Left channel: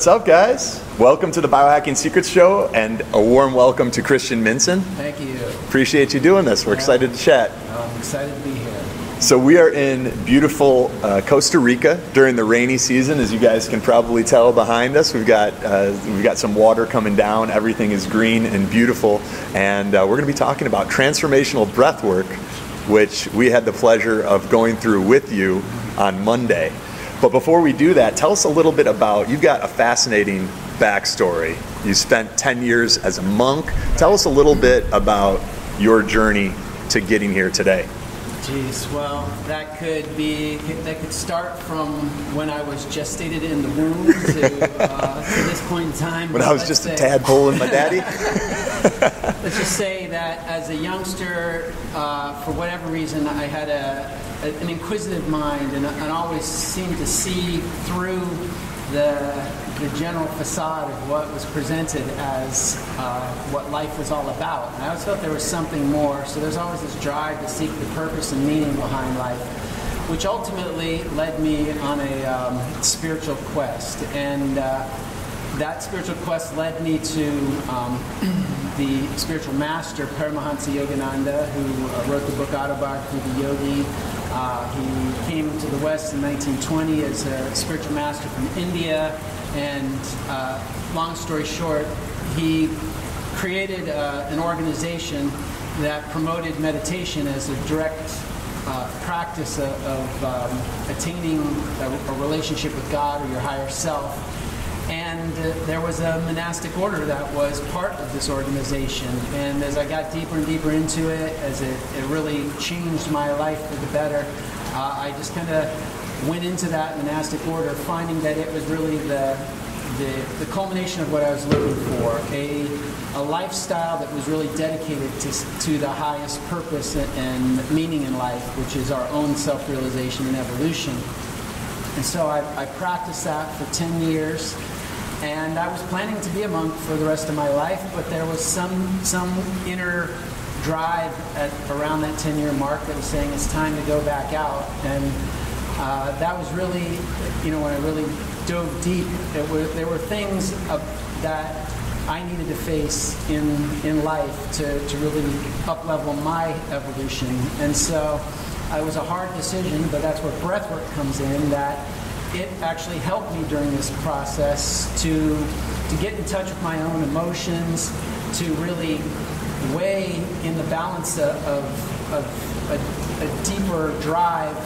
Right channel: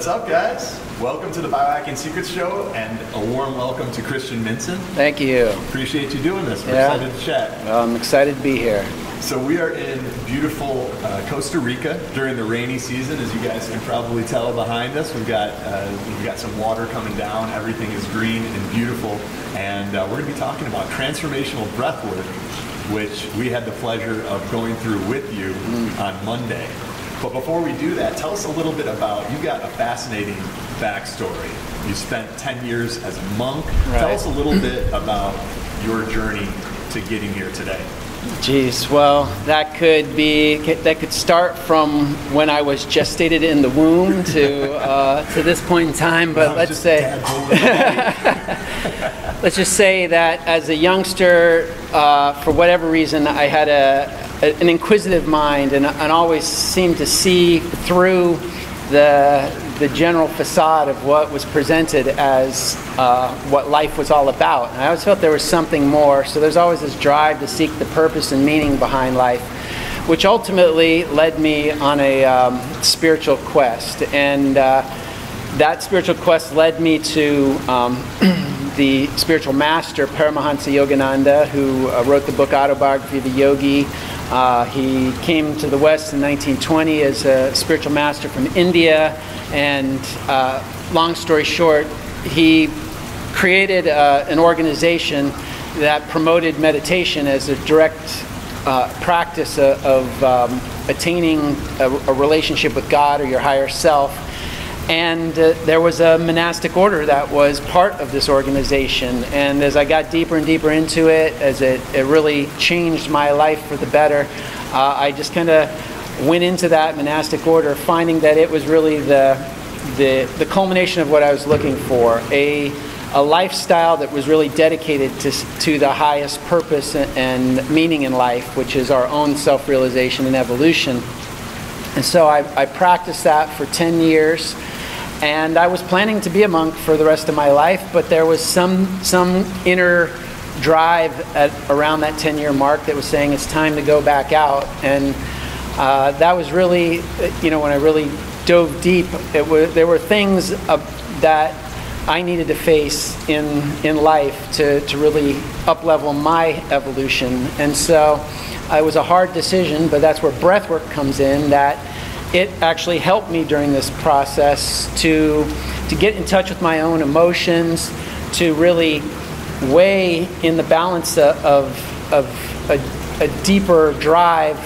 What's up, guys? Welcome to the Biohacking Secrets Show, and a warm welcome to Christian Minson. Thank you. Appreciate you doing this. We're excited to chat. Well, I'm excited to be here. So we are in beautiful Costa Rica during the rainy season, as you guys can probably tell behind us. We've got some water coming down. Everything is green and beautiful, and we're going to be talking about transformational breathwork, which we had the pleasure of going through with you on Monday. But before we do that, tell us a little bit about, you've got a fascinating backstory. You spent 10 years as a monk. Right. Tell us a little bit about your journey to getting here today. Geez, well, that could start from when I was gestated in the womb to this point in time. But let's just say, tadpole in my daddy. Let's just say that as a youngster, for whatever reason, I had an inquisitive mind and always seemed to see through the general facade of what was presented as what life was all about. And I always felt there was something more, so there's always this drive to seek the purpose and meaning behind life, which ultimately led me on a spiritual quest. And that spiritual quest led me to the spiritual master, Paramahansa Yogananda, who wrote the book Autobiography of a Yogi. He came to the West in 1920 as a spiritual master from India, and long story short, he created an organization that promoted meditation as a direct practice of attaining a relationship with God or your higher self. And there was a monastic order that was part of this organization. And as I got deeper and deeper into it, as it really changed my life for the better, I just kind of went into that monastic order, finding that it was really the culmination of what I was looking for, a lifestyle that was really dedicated to the highest purpose and meaning in life, which is our own self-realization and evolution. And so I practiced that for 10 years. And I was planning to be a monk for the rest of my life, but there was some inner drive around that 10-year mark that was saying it's time to go back out. And that was really, when I really dove deep, there were things that I needed to face in life to really up-level my evolution. And so it was a hard decision, but that's where breathwork comes in, that it actually helped me during this process to get in touch with my own emotions, to really weigh in the balance of a deeper drive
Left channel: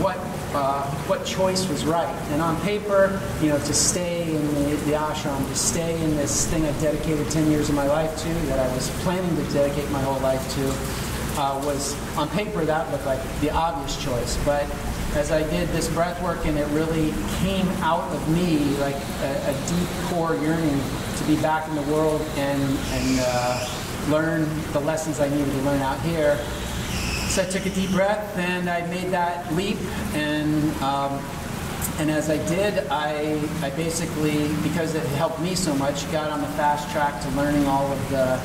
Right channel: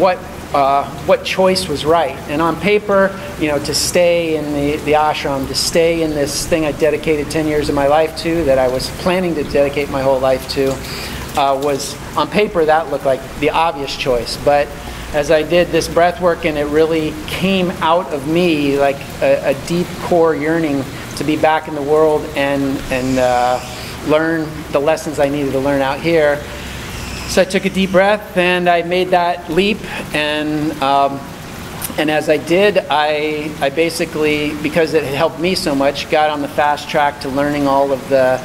what choice was right. And on paper, to stay in the ashram, to stay in this thing I dedicated 10 years of my life to, that I was planning to dedicate my whole life to, was on paper that looked like the obvious choice. But as I did this breath work, and it really came out of me like a deep core yearning to be back in the world and learn the lessons I needed to learn out here. So I took a deep breath and I made that leap, and as I did, I basically, because it helped me so much, got on the fast track to learning all of the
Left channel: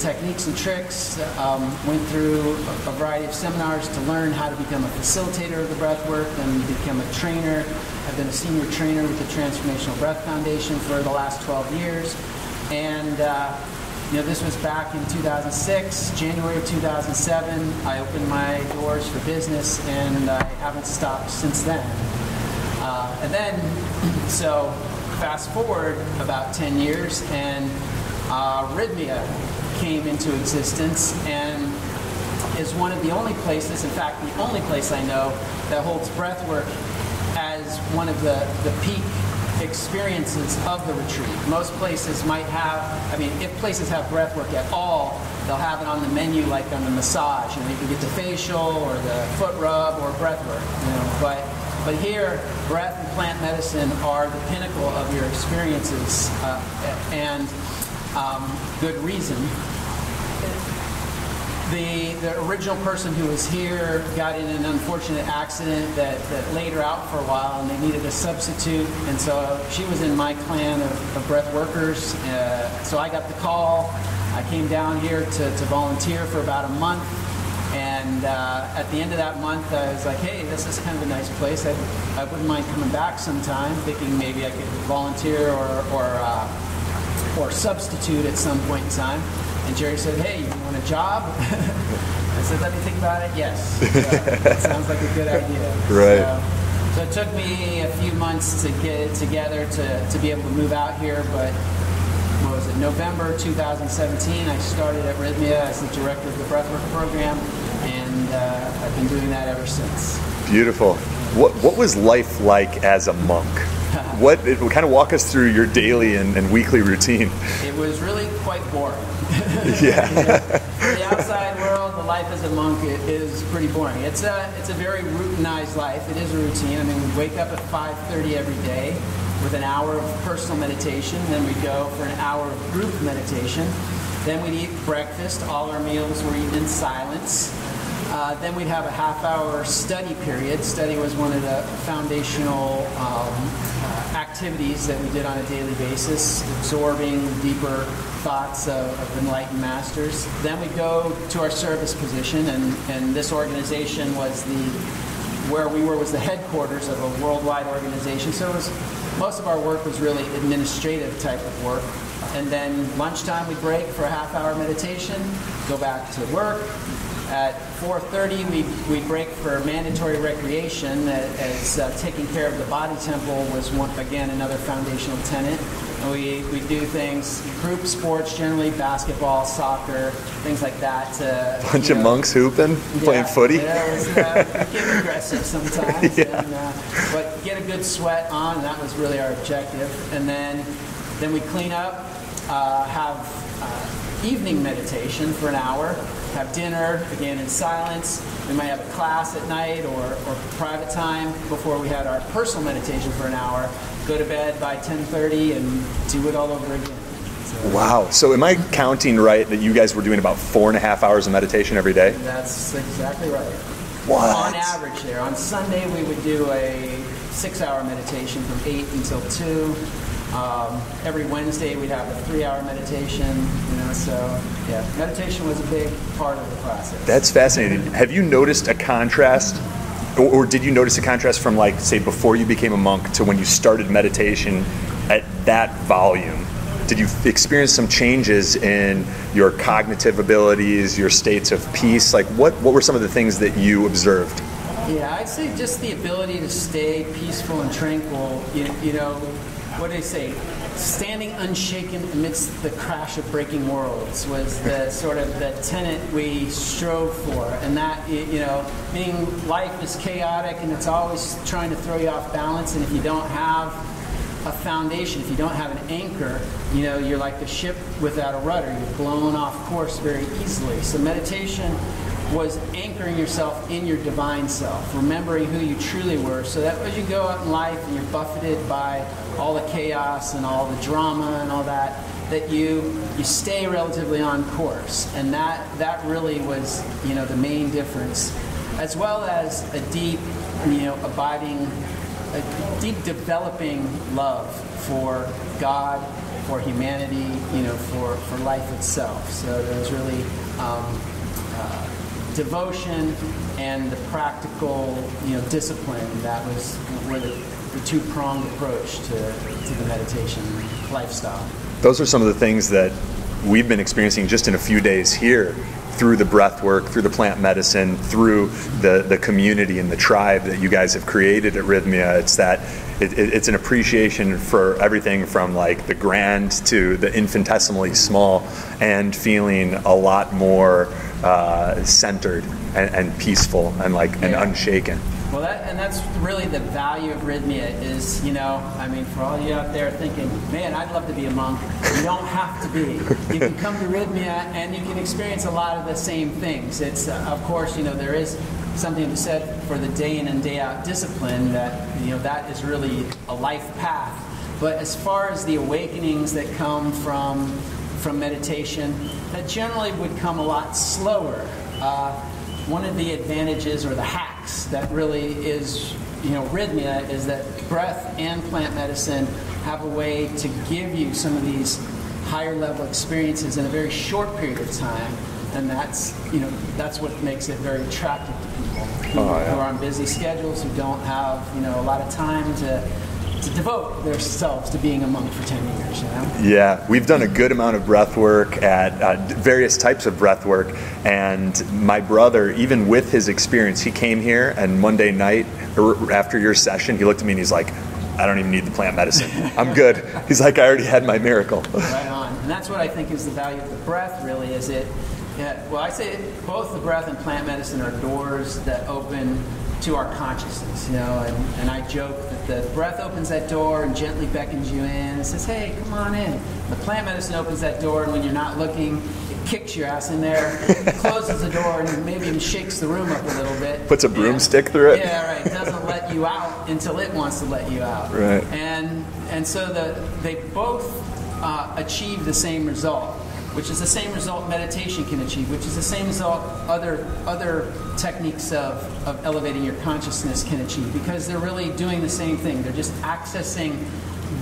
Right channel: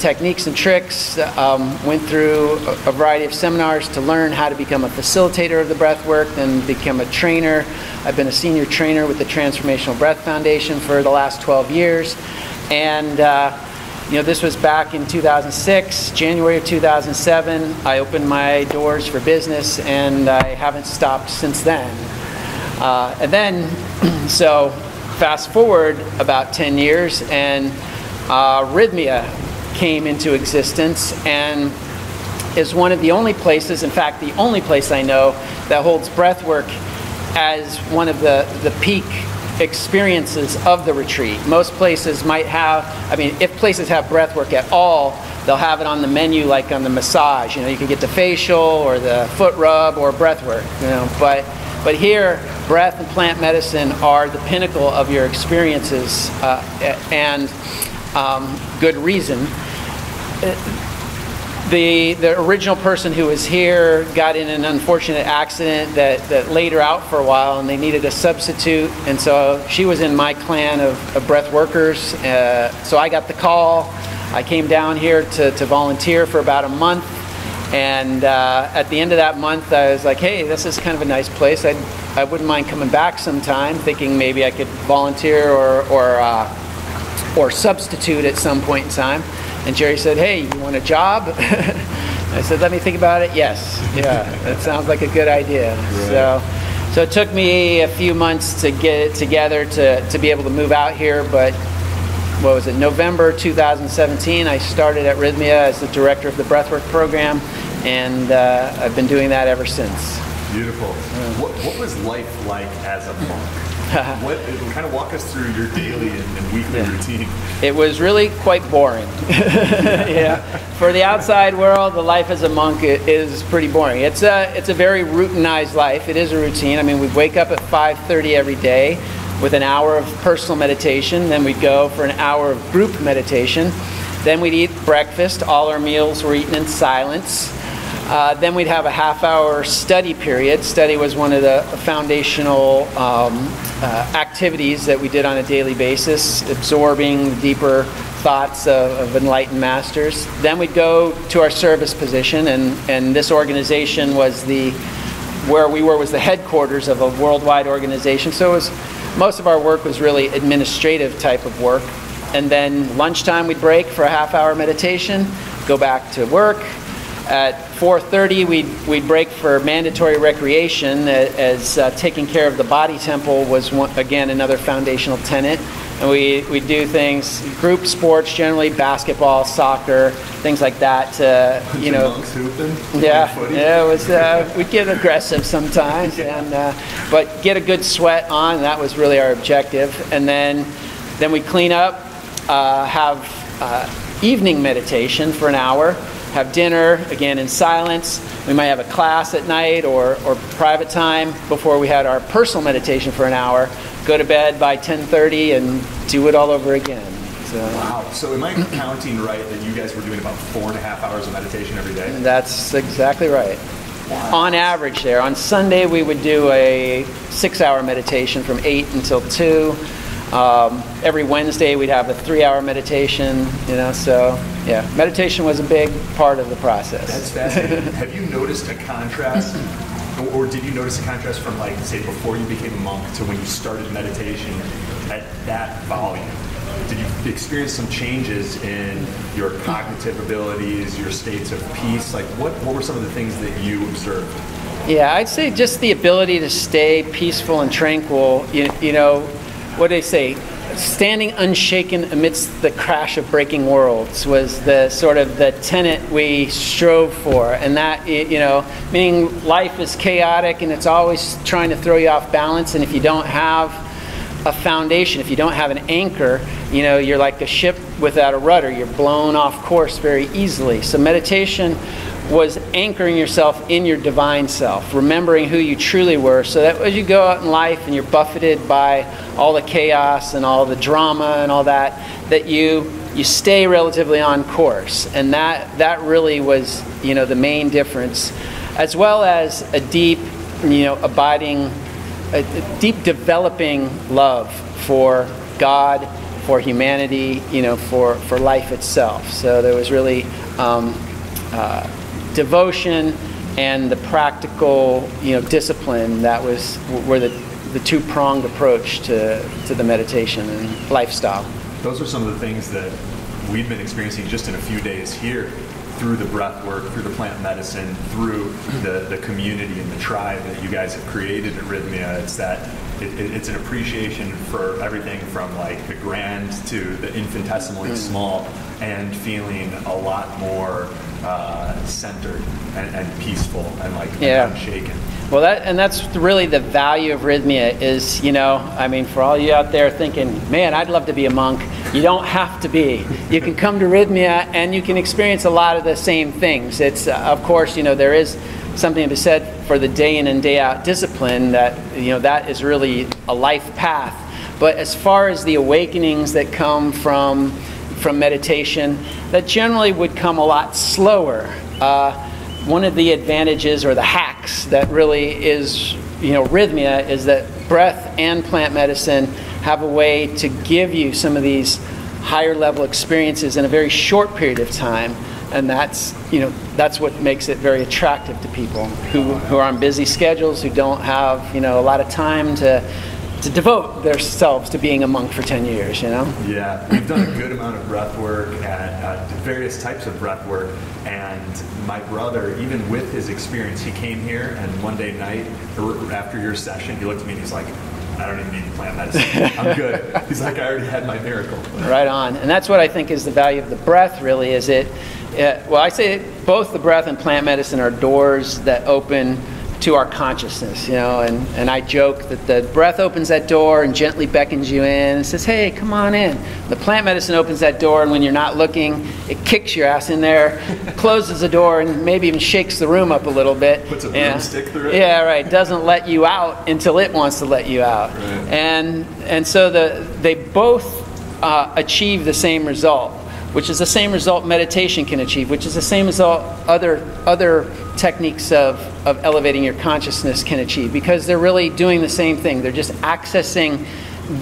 techniques and tricks, went through a variety of seminars to learn how to become a facilitator of the breath work, then become a trainer. I've been a senior trainer with the Transformational Breath Foundation for the last 12 years. And this was back in 2006, January of 2007. I opened my doors for business, and I haven't stopped since then. And then, so fast forward about 10 years, and Rhythmia came into existence, and is one of the only places, in fact, the only place I know that holds breathwork as one of the peak experiences of the retreat. Most places might have, if places have breathwork at all, they'll have it on the menu, like on the massage. You can get the facial or the foot rub or breathwork. But here, breath and plant medicine are the pinnacle of your experiences, and good reason. The original person who was here got in an unfortunate accident that laid her out for a while, and they needed a substitute, and so she was in my clan of breath workers. So I got the call. I came down here to volunteer for about a month, And at the end of that month, I was like, hey, this is kind of a nice place. I wouldn't mind coming back sometime, thinking maybe I could volunteer or substitute at some point in time. And Jerry said, hey, you want a job? I said, let me think about it. Yes, yeah, that sounds like a good idea. Right. So it took me a few months to get it together to be able to move out here, but what was it, November 2017, I started at Rhythmia as the director of the Breathwork program, and I've been doing that ever since. Beautiful. What was life like as a monk? Kind of walk us through your daily and weekly routine. It was really quite boring. Yeah. For the outside world, the life as a monk is pretty boring. It's a very routinized life. It is a routine. I mean, we wake up at 5:30 every day with an hour of personal meditation. Then we'd go for an hour of group meditation. Then we'd eat breakfast. All our meals were eaten in silence. Then we'd have a half-hour study period. Study was one of the foundational activities that we did on a daily basis, absorbing deeper thoughts of enlightened masters. Then we'd go to our service position, and this organization was where we were was the headquarters of a worldwide organization. So most of our work was really administrative type of work. And then lunchtime we'd break for a half-hour meditation, go back to work. At 4:30, we'd break for mandatory recreation, as taking care of the body temple was, again, another foundational tenet. And we'd do things, group sports, generally basketball, soccer, things like that. Bunch of monks hooping, playing footy? Yeah, it was, we'd get aggressive sometimes, yeah. But get a good sweat on, that was really our objective. And then we'd clean up, have evening meditation for an hour, have dinner, again in silence. We might have a class at night or private time before we had our personal meditation for an hour, go to bed by 10:30 and do it all over again. So, wow. So am I counting right that you guys were doing about 4.5 hours of meditation every day? That's exactly right. What? On average there. On Sunday we would do a 6-hour meditation from 8 until 2. Every Wednesday we'd have a 3-hour meditation, so yeah, meditation was a big part of the process. That's fascinating. Have you noticed a contrast, or did you notice a contrast from, like, say, before you became a monk to when you started meditation at that volume? Did you experience some changes in your cognitive abilities, your states of peace? Like, what were some of the things that you observed? Yeah, I'd say just the ability to stay peaceful and tranquil, what do they say? Standing unshaken amidst the crash of breaking worlds was the sort of the tenet we strove for. And that, meaning life is chaotic and it's always trying to throw you off balance. And if you don't have a foundation, if you don't have an anchor, you're like a ship without a rudder. You're blown off course very easily. So meditation was anchoring yourself in your divine self, remembering who you truly were, so that as you go out in life and you're buffeted by all the chaos and all the drama and all that you stay relatively on course. And that really was, the main difference, as well as a deep, abiding, a deep developing love for God, for humanity, for life itself. So there was really devotion and the practical, discipline that were the two-pronged approach to the meditation lifestyle. Those are some of the things that we've been experiencing just in a few days here through the breath work, through the plant medicine, through the community and the tribe that you guys have created at Rhythmia. It's an appreciation for everything from, like, the grand to the infinitesimally small, and feeling a lot more centered and peaceful and and unshaken. Well, that's really the value of Rhythmia is, for all you out there thinking, man, I'd love to be a monk. You don't have to be. You can come to Rhythmia and you can experience a lot of the same things. It's, of course, there is something to be said for the day in and day out discipline that, that is really a life path. But as far as the awakenings that come from meditation, that generally would come a lot slower. One of the advantages or the hacks that really is, Rhythmia, is that breath and plant medicine have a way to give you some of these higher level experiences in a very short period of time And that's what makes it very attractive to people who are on busy schedules, who don't have a lot of time to devote themselves to being a monk for 10 years, Yeah, we've done a good amount of breath work at various types of breath work, and my brother, even with his experience, he came here, and one day night, after your session, he looked at me and he's like, I don't even need the plant medicine. I'm good. He's like, I already had my miracle. Right on. And that's what I think is the value of the breath, really, is well, I say both the breath and plant medicine are doors that open to our consciousness, and I joke that the breath opens that door and gently beckons you in and says, hey, come on in. The plant medicine opens that door, and when you're not looking, it kicks your ass in there, closes the door, and maybe even shakes the room up a little bit. Puts a broomstick through it? Yeah, right. Doesn't let you out until it wants to let you out. Right. And so they both achieve the same result, which is the same result meditation can achieve, which is the same result other techniques of elevating your consciousness can achieve, because they're really doing the same thing. They're just accessing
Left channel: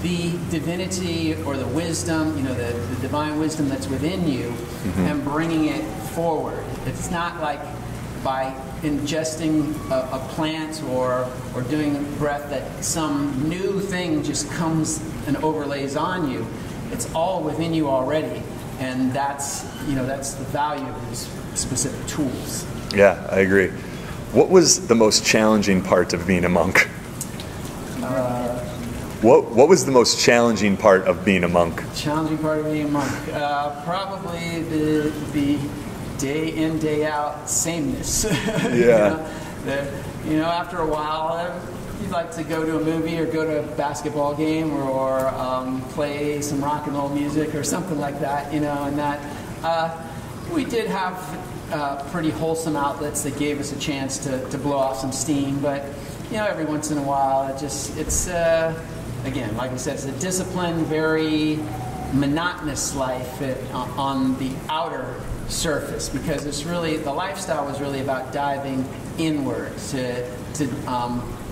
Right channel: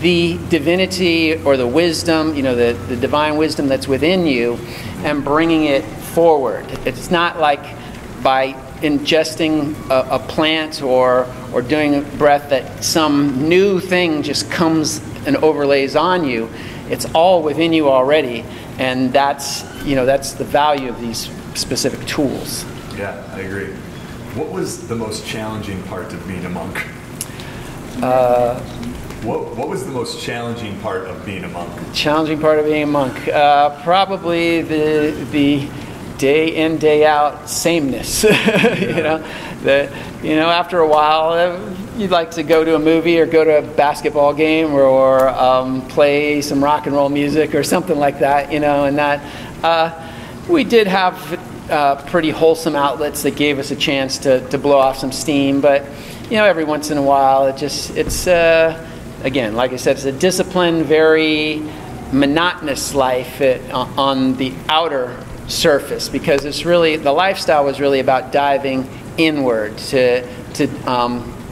the divinity or the wisdom, the divine wisdom that's within you, and bringing it forward. It's not like by ingesting a plant or doing a breath that some new thing just comes and overlays on you. It's all within you already. And that's the value of these specific tools. Yeah, I agree. What was the most challenging part of being a monk? What was the most challenging part of being a monk? Challenging part of being a monk? Probably the day in, day out sameness. Yeah. After a while, you'd like to go to a movie or go to a basketball game or play some rock and roll music or something like that, and that we did have pretty wholesome outlets that gave us a chance to blow off some steam, but every once in a while it's again, like I said, it's a disciplined, very monotonous life on the outer surface, because it's really, the lifestyle was really about diving inward to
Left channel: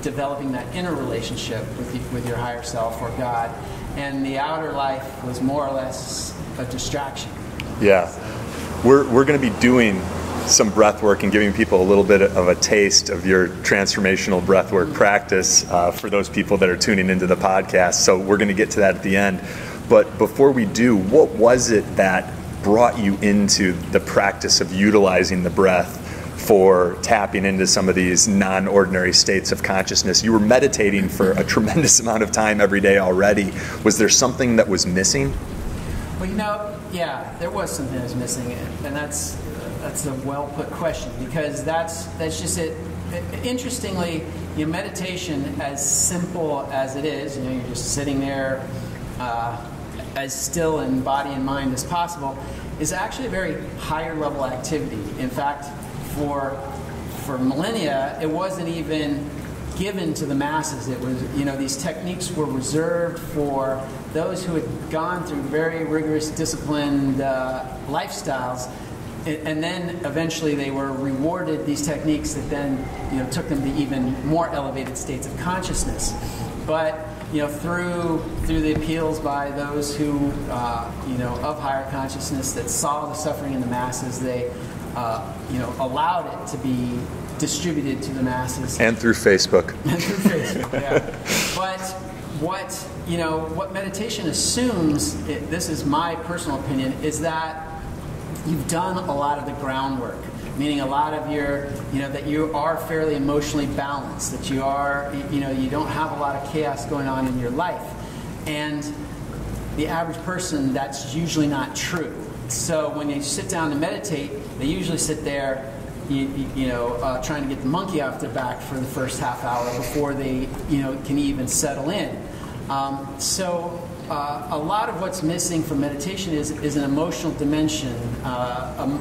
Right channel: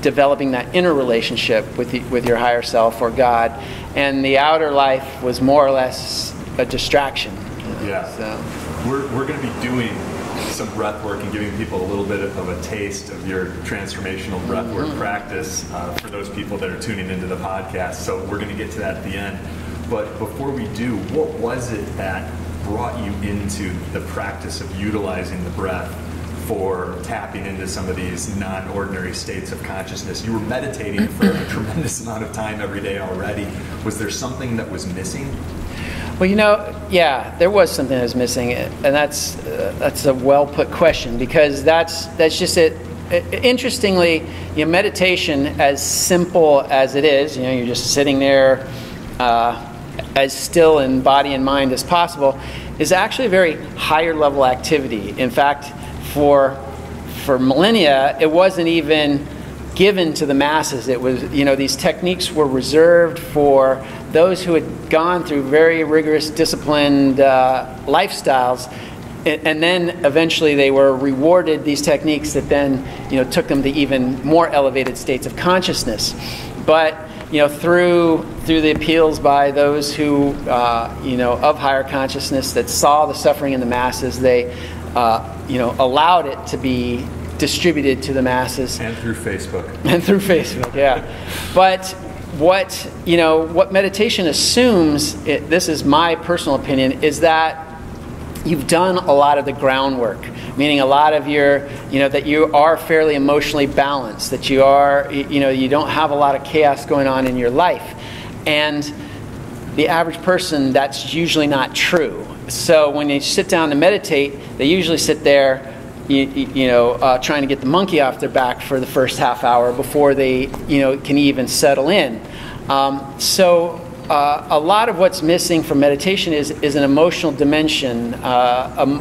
developing that inner relationship with your higher self or God, and the outer life was more or less a distraction. Yeah. So. We're going to be doing some breath work and giving people a little bit of a taste of your transformational breath work practice for those people that are tuning into the podcast. So we're going to get to that at the end. But before we do, what was it that brought you into the practice of utilizing the breath for tapping into some of these non-ordinary states of consciousness? You were meditating for a tremendous amount of time every day already. Was there something that was missing? Well, yeah, there was something that was missing, and that's a well-put question, because that's just it. Interestingly, meditation, as simple as it is, you're just sitting there as still in body and mind as possible, is actually a very higher level activity. In fact, for millennia, it wasn't even given to the masses. It was, these techniques were reserved for those who had gone through very rigorous, disciplined lifestyles, and then eventually they were rewarded these techniques that then, took them to even more elevated states of consciousness. But through the appeals by those who, of higher consciousness that saw the suffering in the masses, they, allowed it to be distributed to the masses. And through Facebook. Yeah. But what meditation assumes, this is my personal opinion, is that you've done a lot of the groundwork, meaning a lot of your, that you are fairly emotionally balanced, that you are, you don't have a lot of chaos going on in your life. And the average person, that's usually not true. So when they sit down to meditate, they usually sit there, trying to get the monkey off their back for the first half hour before they, can even settle in. So a lot of what's missing from meditation is an emotional dimension, a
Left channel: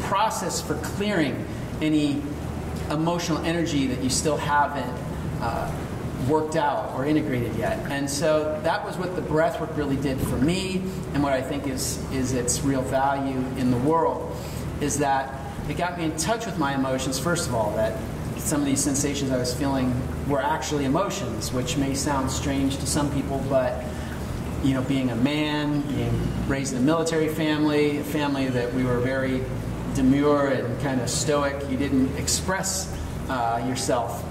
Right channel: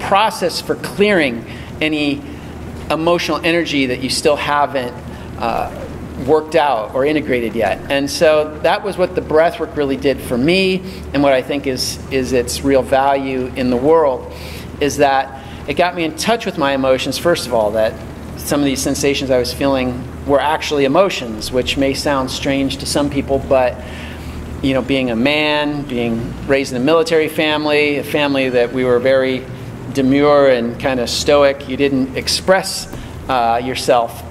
process for clearing any emotional energy that you still haven't worked out or integrated yet. And so that was what the breathwork really did for me, and what I think is its real value in the world, is that it got me in touch with my emotions, first of all, that some of these sensations I was feeling were actually emotions, which may sound strange to some people, but being a man, being raised in a military family, a family that we were very demure and kind of stoic. You didn't express yourself.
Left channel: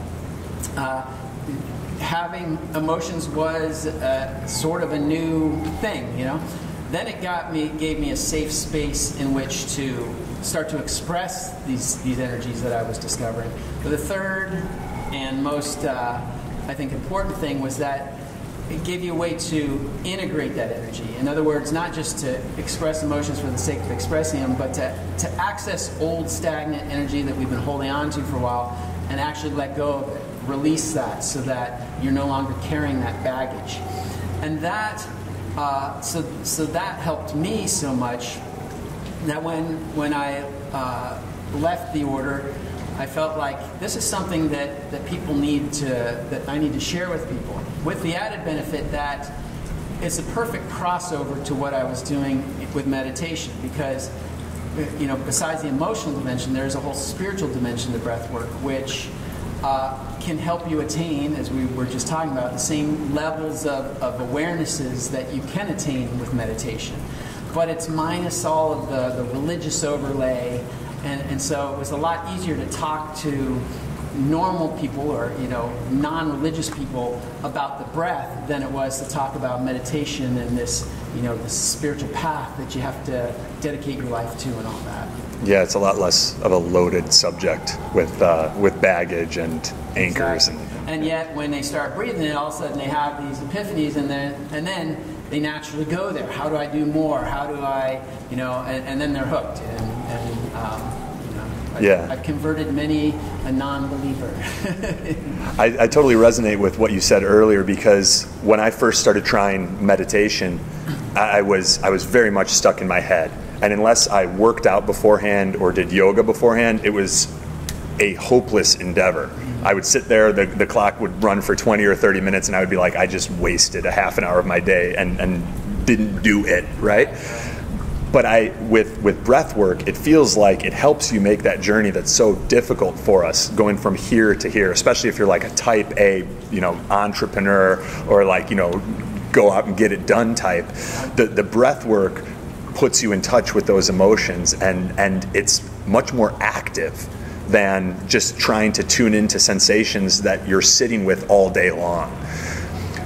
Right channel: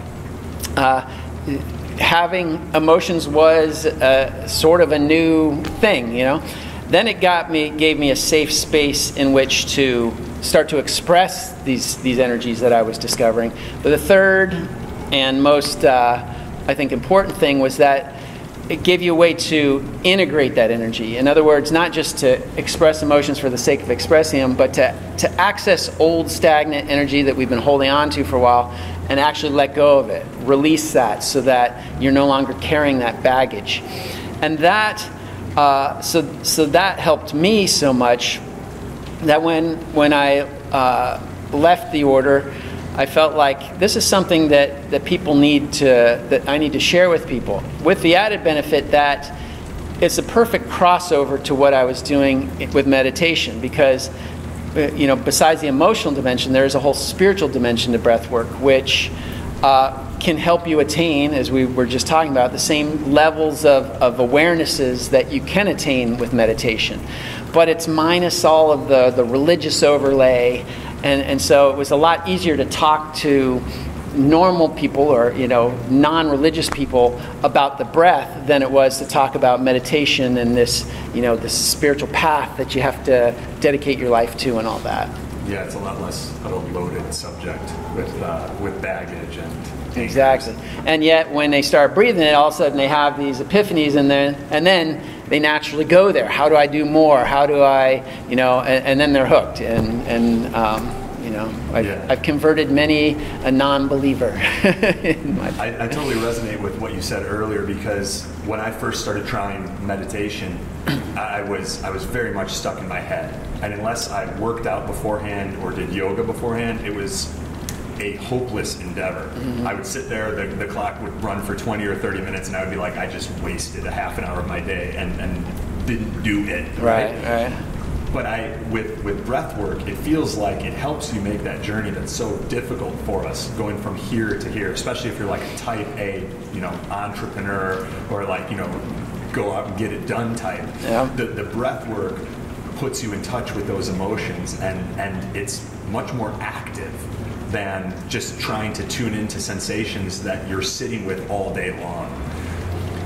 Having emotions was sort of a new thing, Then it gave me a safe space in which to start to express these energies that I was discovering. But the third and most, I think, important thing was that it gave you a way to integrate that energy. In other words, not just to express emotions for the sake of expressing them, but to access old stagnant energy that we've been holding on to for a while and actually let go of it, release that so that you're no longer carrying that baggage. And that, so that helped me so much that when I left the order, I felt like this is something that people that I need to share with people, with the added benefit that it's a perfect crossover to what I was doing with meditation, because besides the emotional dimension, there's a whole spiritual dimension to breathwork, which can help you attain, as we were just talking about, the same levels of awarenesses that you can attain with meditation. But it's minus all of the religious overlay, and so it was a lot easier to talk to normal people or non-religious people about the breath than it was to talk about meditation and this spiritual path that you have to dedicate your life to and all that. Yeah, it's a lot less of a loaded subject with baggage and anchors. Exactly. And yet when they start breathing it, all of a sudden they have these epiphanies, and then they naturally go there. How do I do more? How do I, and then they're hooked. I've converted many a non-believer. I totally resonate with what you said earlier, because when I first started trying meditation, I was very much stuck in my head. And unless I worked out beforehand or did yoga beforehand, it was a hopeless endeavor. I would sit there, the clock would run for 20 or 30 minutes, and I would be like, I just wasted a half an hour of my day and didn't do it, right? But with breath work, it feels like it helps you make that journey that's so difficult for us, going from here to here, especially if you're like a type A, entrepreneur, or go out and get it done type. Yeah. The breath work puts you in touch with those emotions, and it's much more active than just trying to tune into sensations that you're sitting with all day long.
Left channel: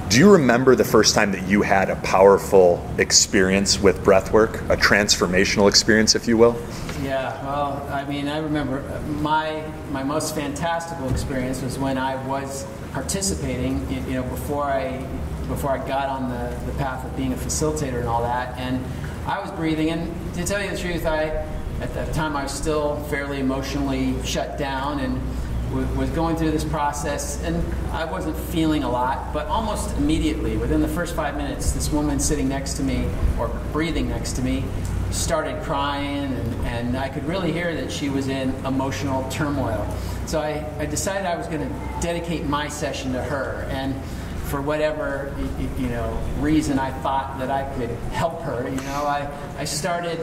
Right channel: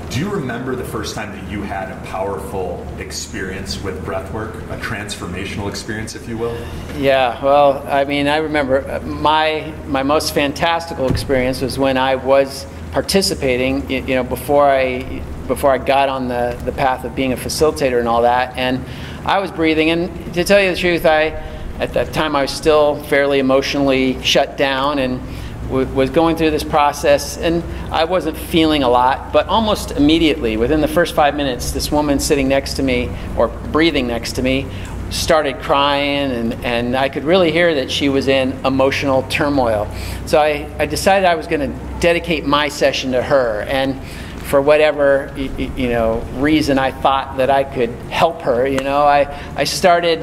Do you remember the first time that you had a powerful experience with breathwork, a transformational experience, if you will? Yeah, well, I remember my most fantastical experience was when I was participating, before I got on the path of being a facilitator and all that, and I was breathing, and to tell you the truth, at that time I was still fairly emotionally shut down and was going through this process, and I wasn't feeling a lot, but almost immediately, within the first 5 minutes, this woman sitting next to me, or breathing next to me, started crying, and I could really hear that she was in emotional turmoil. So I decided I was going to dedicate my session to her, and for whatever reason, I thought that I could help her. I started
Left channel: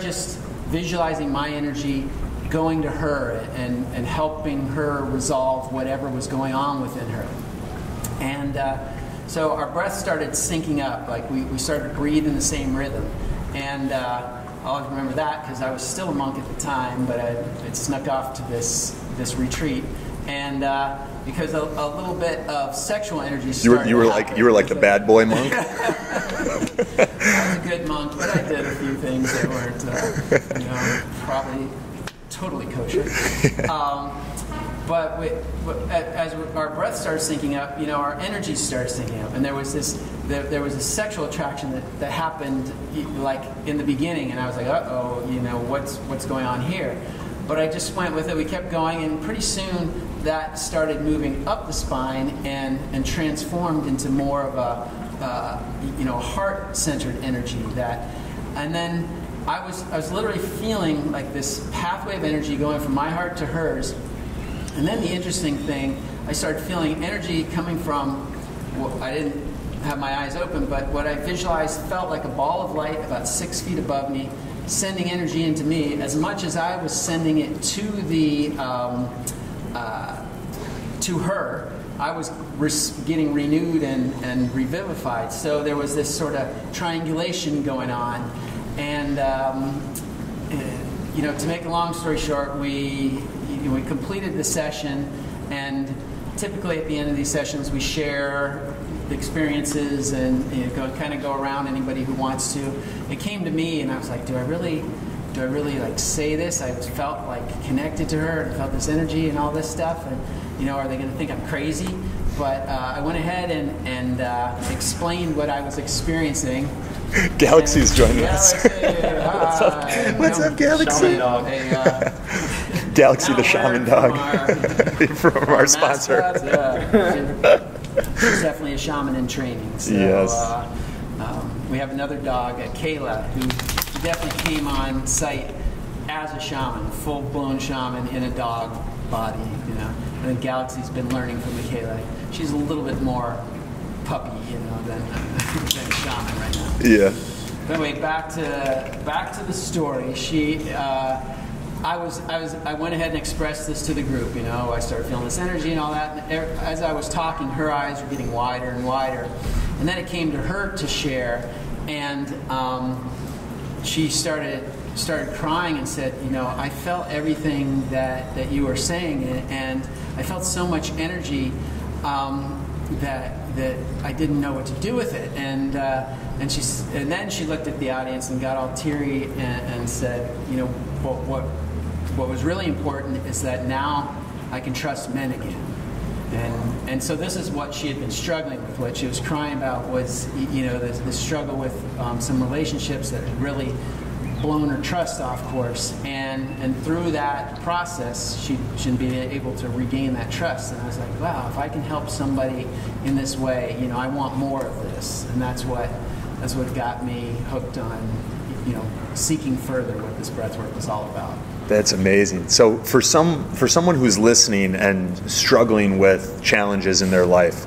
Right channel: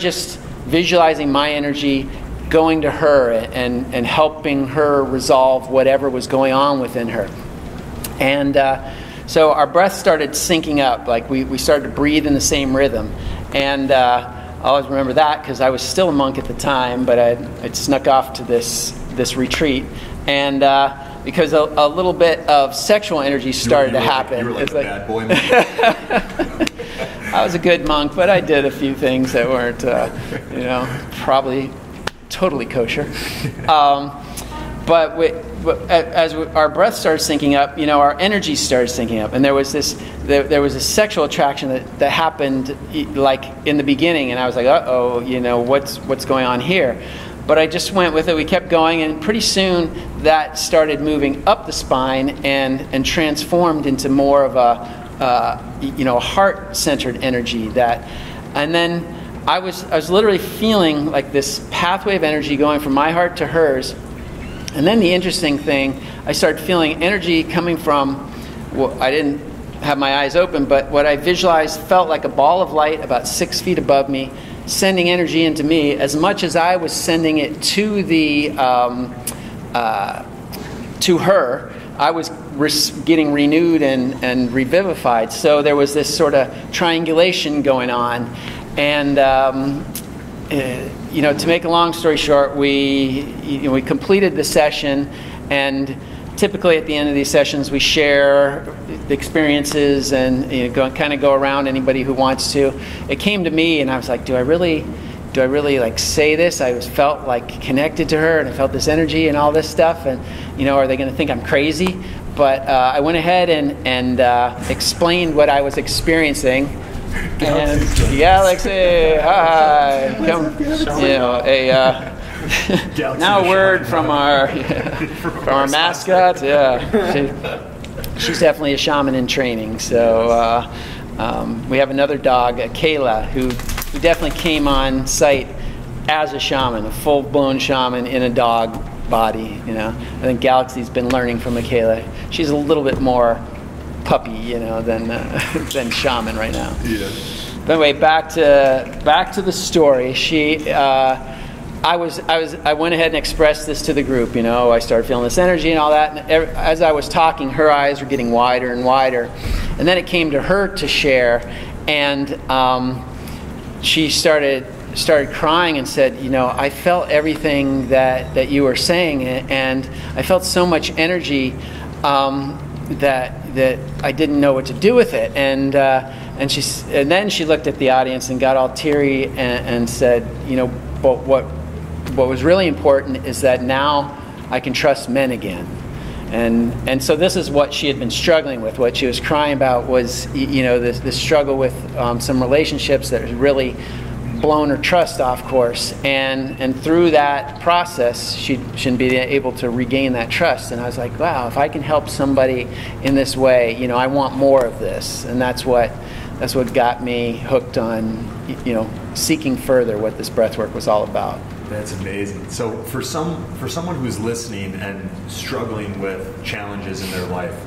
just visualizing my energy going to her and helping her resolve whatever was going on within her. And so our breath started syncing up, like we started to breathe in the same rhythm. And I always remember that because I was still a monk at the time, but I'd snuck off to this retreat. And because a little bit of sexual energy started to happen. You were like the bad boy monk? I was a good monk, but I did a few things that weren't, probably totally kosher. But as our breath started syncing up, our energy started syncing up, and there was a sexual attraction that happened like in the beginning, and I was like, uh-oh, what's going on here? But I just went with it. We kept going, and pretty soon that started moving up the spine and transformed into more of a heart-centered energy. And then I was literally feeling like this pathway of energy going from my heart to hers. And then the interesting thing, I started feeling energy coming from, I didn't have my eyes open, but what I visualized felt like a ball of light about 6 feet above me, sending energy into me as much as I was sending it to her. I was getting renewed and revivified. So there was this sort of triangulation going on. And to make a long story short, we completed the session, and typically at the end of these sessions we share the experiences and kind of go around, anybody who wants to. It came to me, and I was like, do I really like say this? I felt like connected to her, and I felt this energy and all this stuff, and are they going to think I'm crazy? But I went ahead and explained what I was experiencing. Galaxy's joining Galaxy, hi. What's up, Galaxy? Galaxy, now a word from our mascot. Yeah, she's definitely a shaman in training. So yes. We have another dog, Kayla, who definitely came on site as a shaman, a full-blown shaman in a dog body. I think Galaxy's been learning from Michaela. She's a little bit more puppy, than shaman right now. Yeah. But anyway, back to the story. I went ahead and expressed this to the group. I started feeling this energy and all that. And as I was talking, her eyes were getting wider and wider, and then it came to her to share, and she started crying and said, I felt everything that you were saying, and I felt so much energy that I didn't know what to do with it. And then she looked at the audience and got all teary and said, but what was really important is that now I can trust men again. And so this is what she had been struggling with. What she was crying about was, this struggle with some relationships that had really blown her trust off course. And through that process, she'd be able to regain that trust. And I was like, wow, if I can help somebody in this way, I want more of this. And that's what got me hooked on, seeking further what this breathwork was all about. That's amazing. So for someone who's listening and struggling with challenges in their life,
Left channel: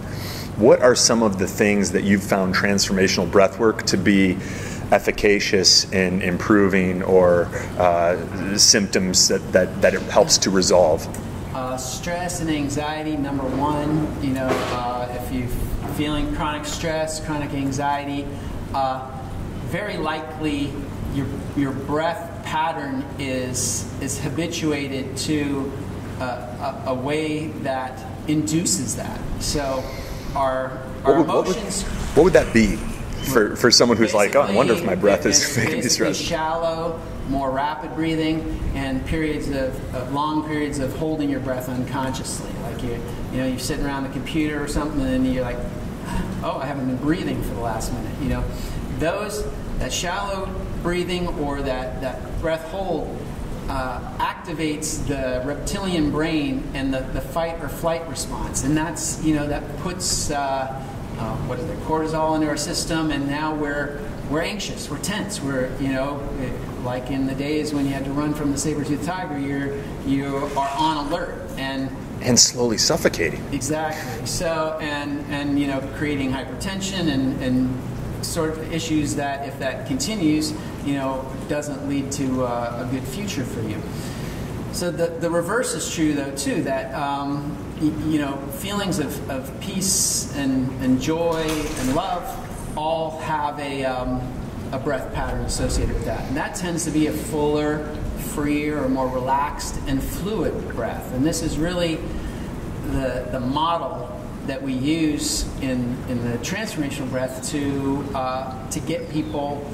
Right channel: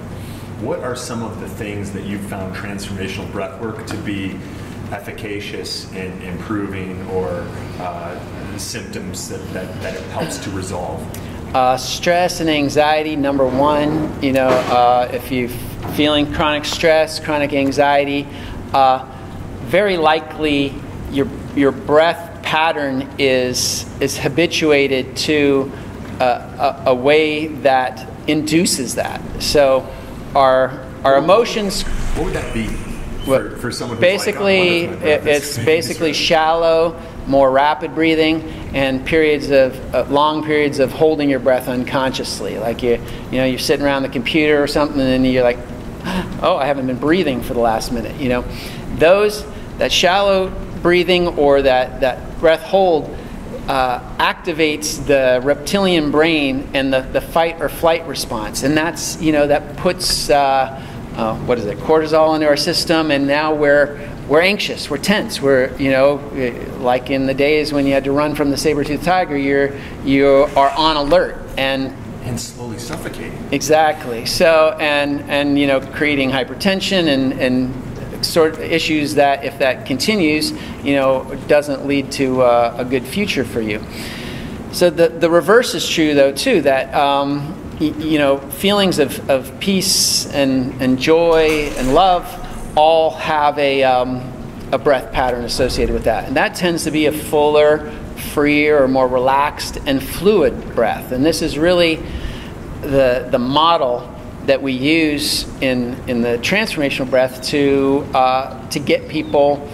what are some of the things that you've found transformational breathwork to be efficacious in improving, or symptoms that it helps to resolve? Stress and anxiety, number one. If you're feeling chronic stress, chronic anxiety, very likely your breath pattern is habituated to a way that induces that. So our emotions. What would that be for someone who's like, oh, I wonder if my breath is it's basically shallow, more rapid breathing, and long periods of holding your breath unconsciously. Like you're sitting around the computer or something, and then you're like, oh, I haven't been breathing for the last minute. That shallow breathing or that breath hold activates the reptilian brain and the fight or flight response, and that's that puts cortisol into our system, and now we're anxious, we're tense, we're like in the days when you had to run from the saber-toothed tiger, you are on alert and slowly suffocating. Exactly. So and creating hypertension and sort of issues that, if that continues, doesn't lead to a good future for you. So the reverse is true, though, too, that feelings of peace and joy and love all have a breath pattern associated with that. And that tends to be a fuller, freer, or more relaxed and fluid breath. And this is really the model that we use in the transformational breath to get people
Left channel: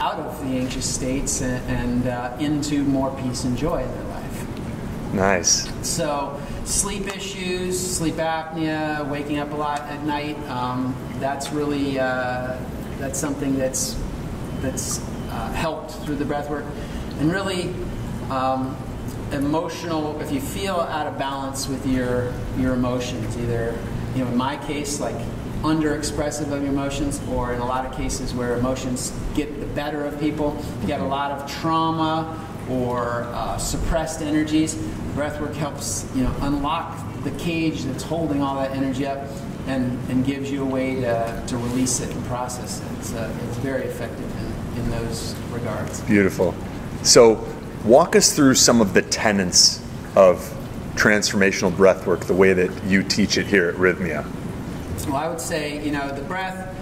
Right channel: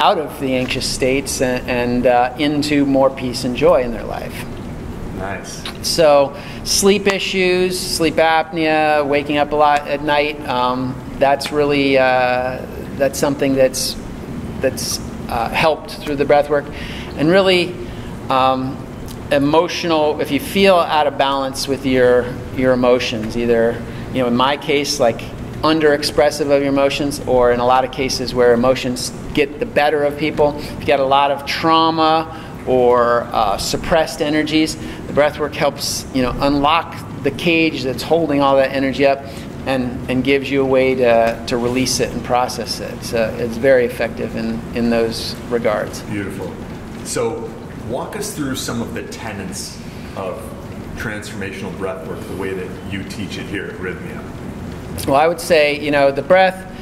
out of the anxious states and into more peace and joy in their life. Nice. So sleep issues, sleep apnea, waking up a lot at night, that's really that's something that's helped through the breath work. And really emotional, if you feel out of balance with your emotions, either in my case, like under expressive of your emotions, or in a lot of cases where emotions get the better of people, if you got a lot of trauma or suppressed energies, the breathwork helps unlock the cage that's holding all that energy up and gives you a way to release it and process it. So it's very effective in those regards. Beautiful. So walk us through some of the tenets of transformational breath work the way that you teach it here at Rhythmia? Well, I would say, the breath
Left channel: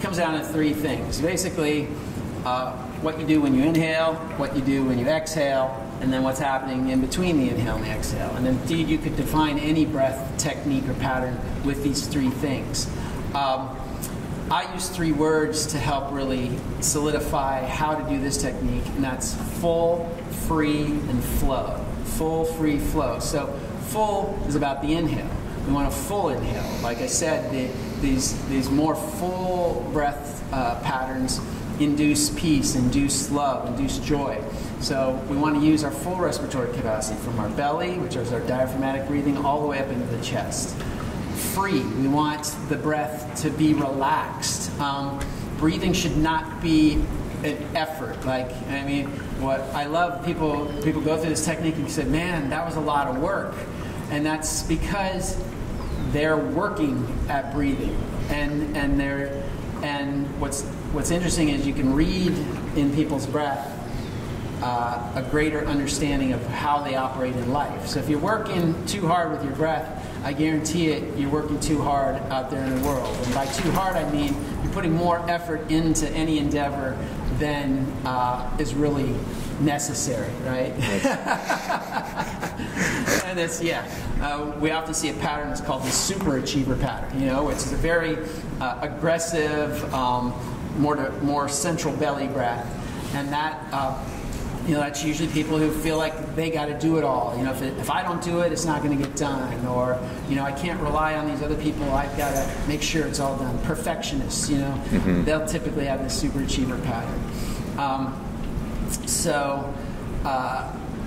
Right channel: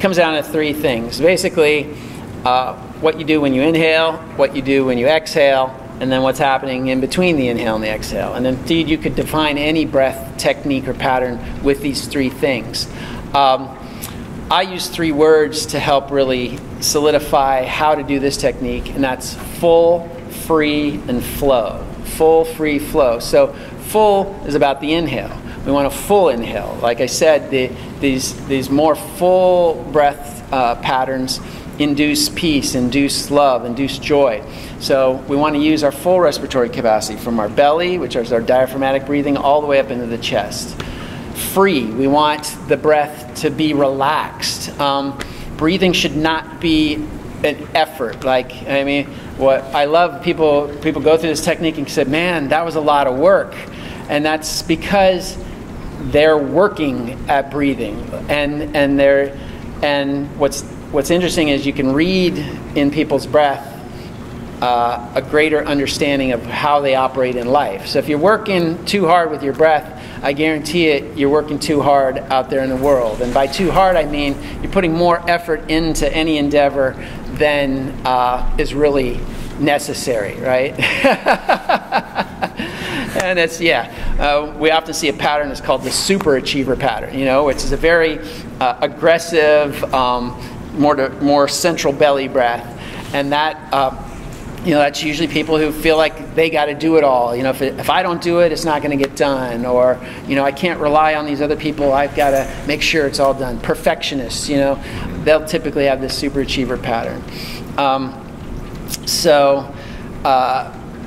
comes down to three things. Basically, what you do when you inhale, what you do when you exhale, and then what's happening in between the inhale and the exhale. And indeed, you could define any breath technique or pattern with these three things. I use three words to help really solidify how to do this technique, and that's full, free, and flow. Full, free, flow. So full is about the inhale. We want a full inhale. Like I said, these more full breath patterns induce peace, induce love, induce joy. So we want to use our full respiratory capacity from our belly, which is our diaphragmatic breathing, all the way up into the chest. Free, we want the breath to be relaxed. Breathing should not be an effort. What I love, people go through this technique and say, man, that was a lot of work. And that's because they're working at breathing. And what's interesting is you can read in people's breath a greater understanding of how they operate in life. So if you're working too hard with your breath, I guarantee it, you're working too hard out there in the world. And by too hard, I mean you're putting more effort into any endeavor than is really necessary, right? And it's, we often see a pattern that's called the superachiever pattern, which is a very aggressive, more central belly breath. And that, that's usually people who feel like they got to do it all. If I don't do it, it's not going to get done. Or, I can't rely on these other people. I've got to make sure it's all done. Perfectionists, they'll typically have this superachiever pattern.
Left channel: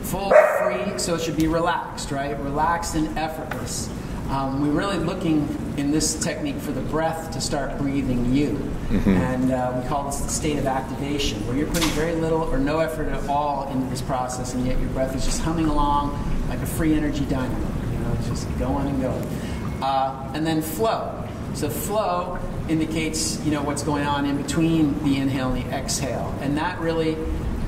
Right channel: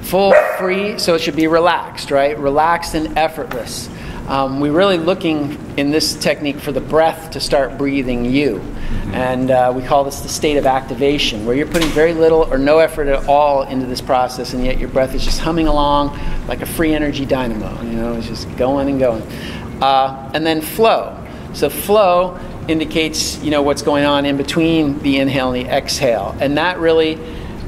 Full, free, so it should be relaxed, right? Relaxed and effortless. We're really looking in this technique for the breath to start breathing you. Mm-hmm. And we call this the state of activation, where you're putting very little or no effort at all into this process, and yet your breath is just humming along like a free energy dynamo. It's just going and going. And then flow. So flow indicates, what's going on in between the inhale and the exhale. And that really,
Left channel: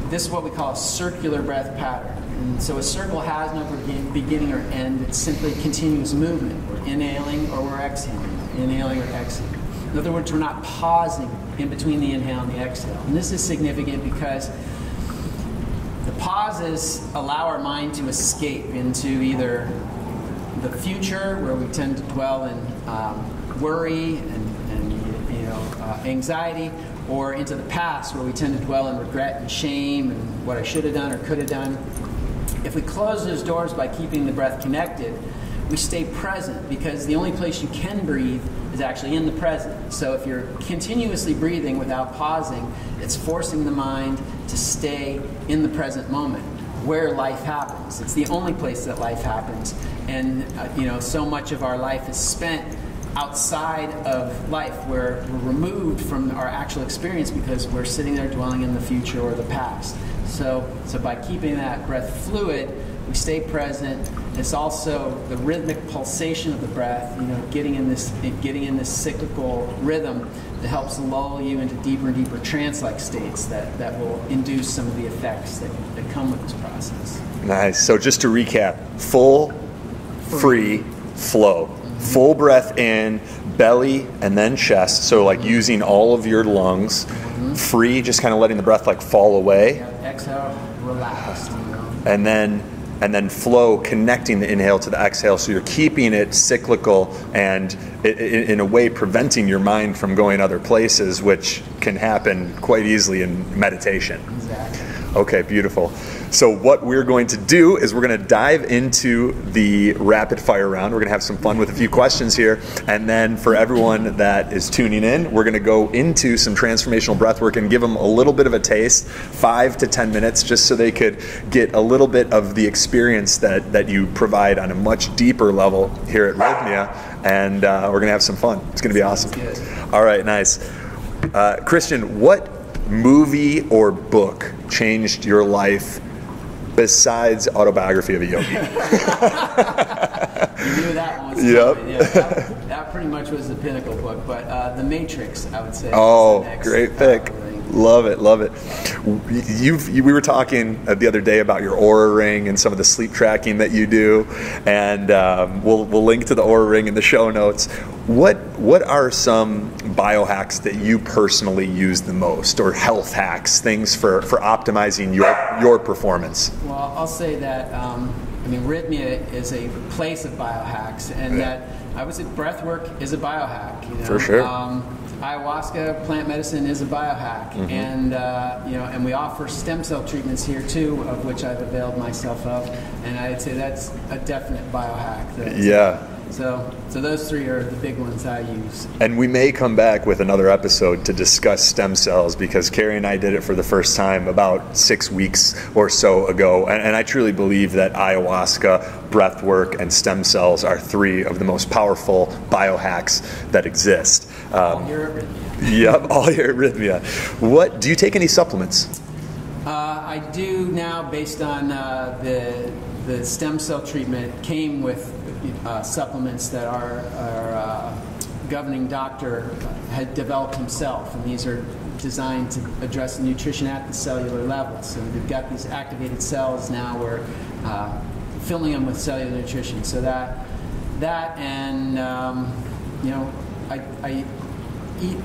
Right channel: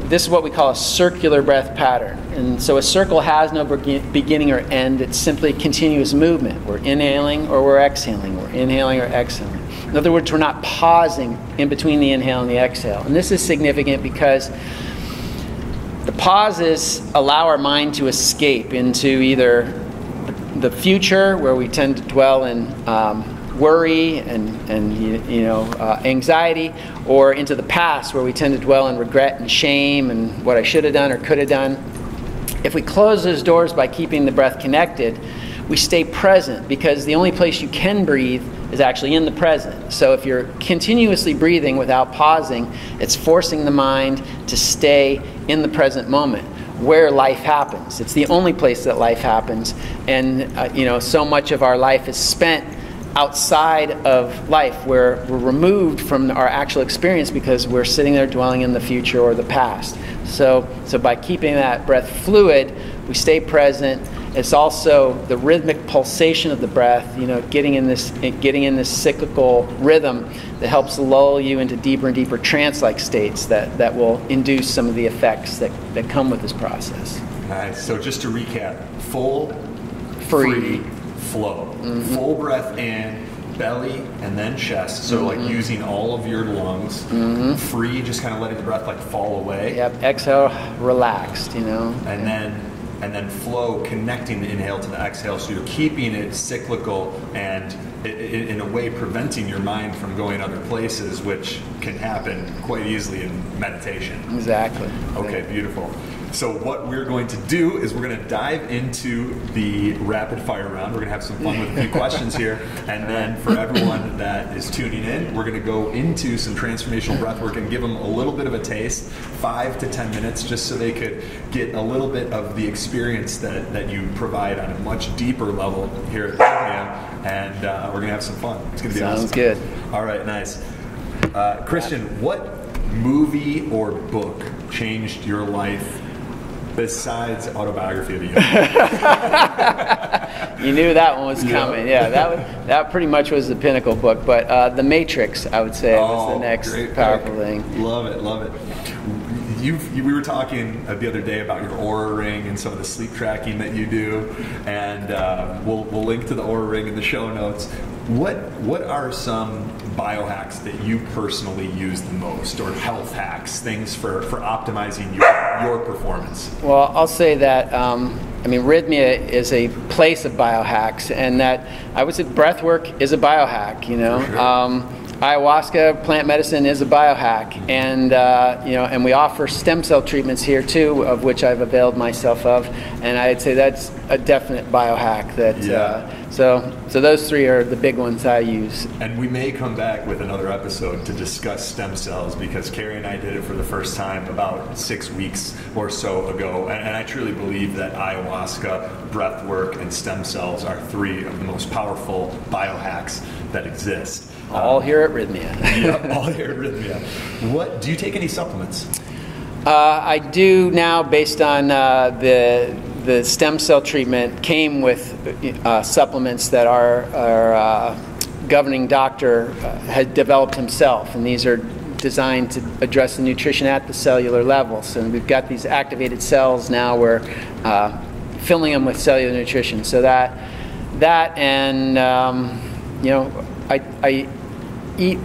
this is what we call a circular breath pattern. And so a circle has no beginning or end. It's simply continuous movement. We're inhaling or we're exhaling. We're inhaling or exhaling. In other words, we're not pausing in between the inhale and the exhale. And this is significant because the pauses allow our mind to escape into either the future, where we tend to dwell in worry and anxiety, or into the past, where we tend to dwell in regret and shame and what I should have done or could have done. If we close those doors by keeping the breath connected, we stay present, because the only place you can breathe is actually in the present. So if you're continuously breathing without pausing, it's forcing the mind to stay in the present moment, where life happens. It's the only place that life happens. And so much of our life is spent outside of life, where we're removed from our actual experience because we're sitting there dwelling in the future or the past. So by keeping that breath fluid, we stay present. It's also the rhythmic pulsation of the breath, getting in this cyclical rhythm that helps lull you into deeper and deeper trance-like states that will induce some of the effects that come with this process. Nice. So just to recap, full, free, flow. Mm-hmm. Full breath in, belly, and then chest. So like using all of your lungs. Mm-hmm. Free, just kind of letting the breath like fall away. Yep. Exhale, relaxed. And then flow, connecting the inhale to the exhale, so you're keeping it cyclical and in a way preventing your mind from going other places, which can happen quite easily in meditation. Exactly. Okay, beautiful. So what we're going to do is we're going to dive into the rapid fire round. We're going to have some fun with a few questions here. And then for everyone that is tuning in, we're going to go into some transformational breath work and give them a little bit of a taste, 5 to 10 minutes, just so they could get a little bit of the experience that you provide on a much deeper level here at Rhythmia. And we're going to have some fun. It's going to be awesome. Sounds good. All right, nice. Christian, what movie or book changed your life besides Autobiography of a Yogi? You knew that one was coming. Yeah, that pretty much was the pinnacle book. But The Matrix, I would say, was the next great powerful pick. thing. Love it, love it. We were talking the other day about your Aura Ring and some of the sleep tracking that you do, and we'll link to the Aura Ring in the show notes. What are some biohacks that you personally use the most, or health hacks, things for optimizing your performance? Well, I'll say that Rhythmia is a place of biohacks, and that I would say breathwork is a biohack. For sure. Ayahuasca, plant medicine, is a biohack, and and we offer stem cell treatments here too, of which I've availed myself of, and I'd say that's a definite biohack. So those three are the big ones I use. And we may come back with another episode to discuss stem cells, because Carrie and I did it for the first time about 6 weeks or so ago. And I truly believe that ayahuasca, breathwork, and stem cells are three of the most powerful biohacks that exist. All here at Rhythmia. Yep, all here at Rhythmia. Do you take any supplements? I do now, based on the stem cell treatment came with supplements that our governing doctor had developed himself, and these are designed to address the nutrition at the cellular levels. And we've got these activated cells now. We're filling them with cellular nutrition. So that and I eat,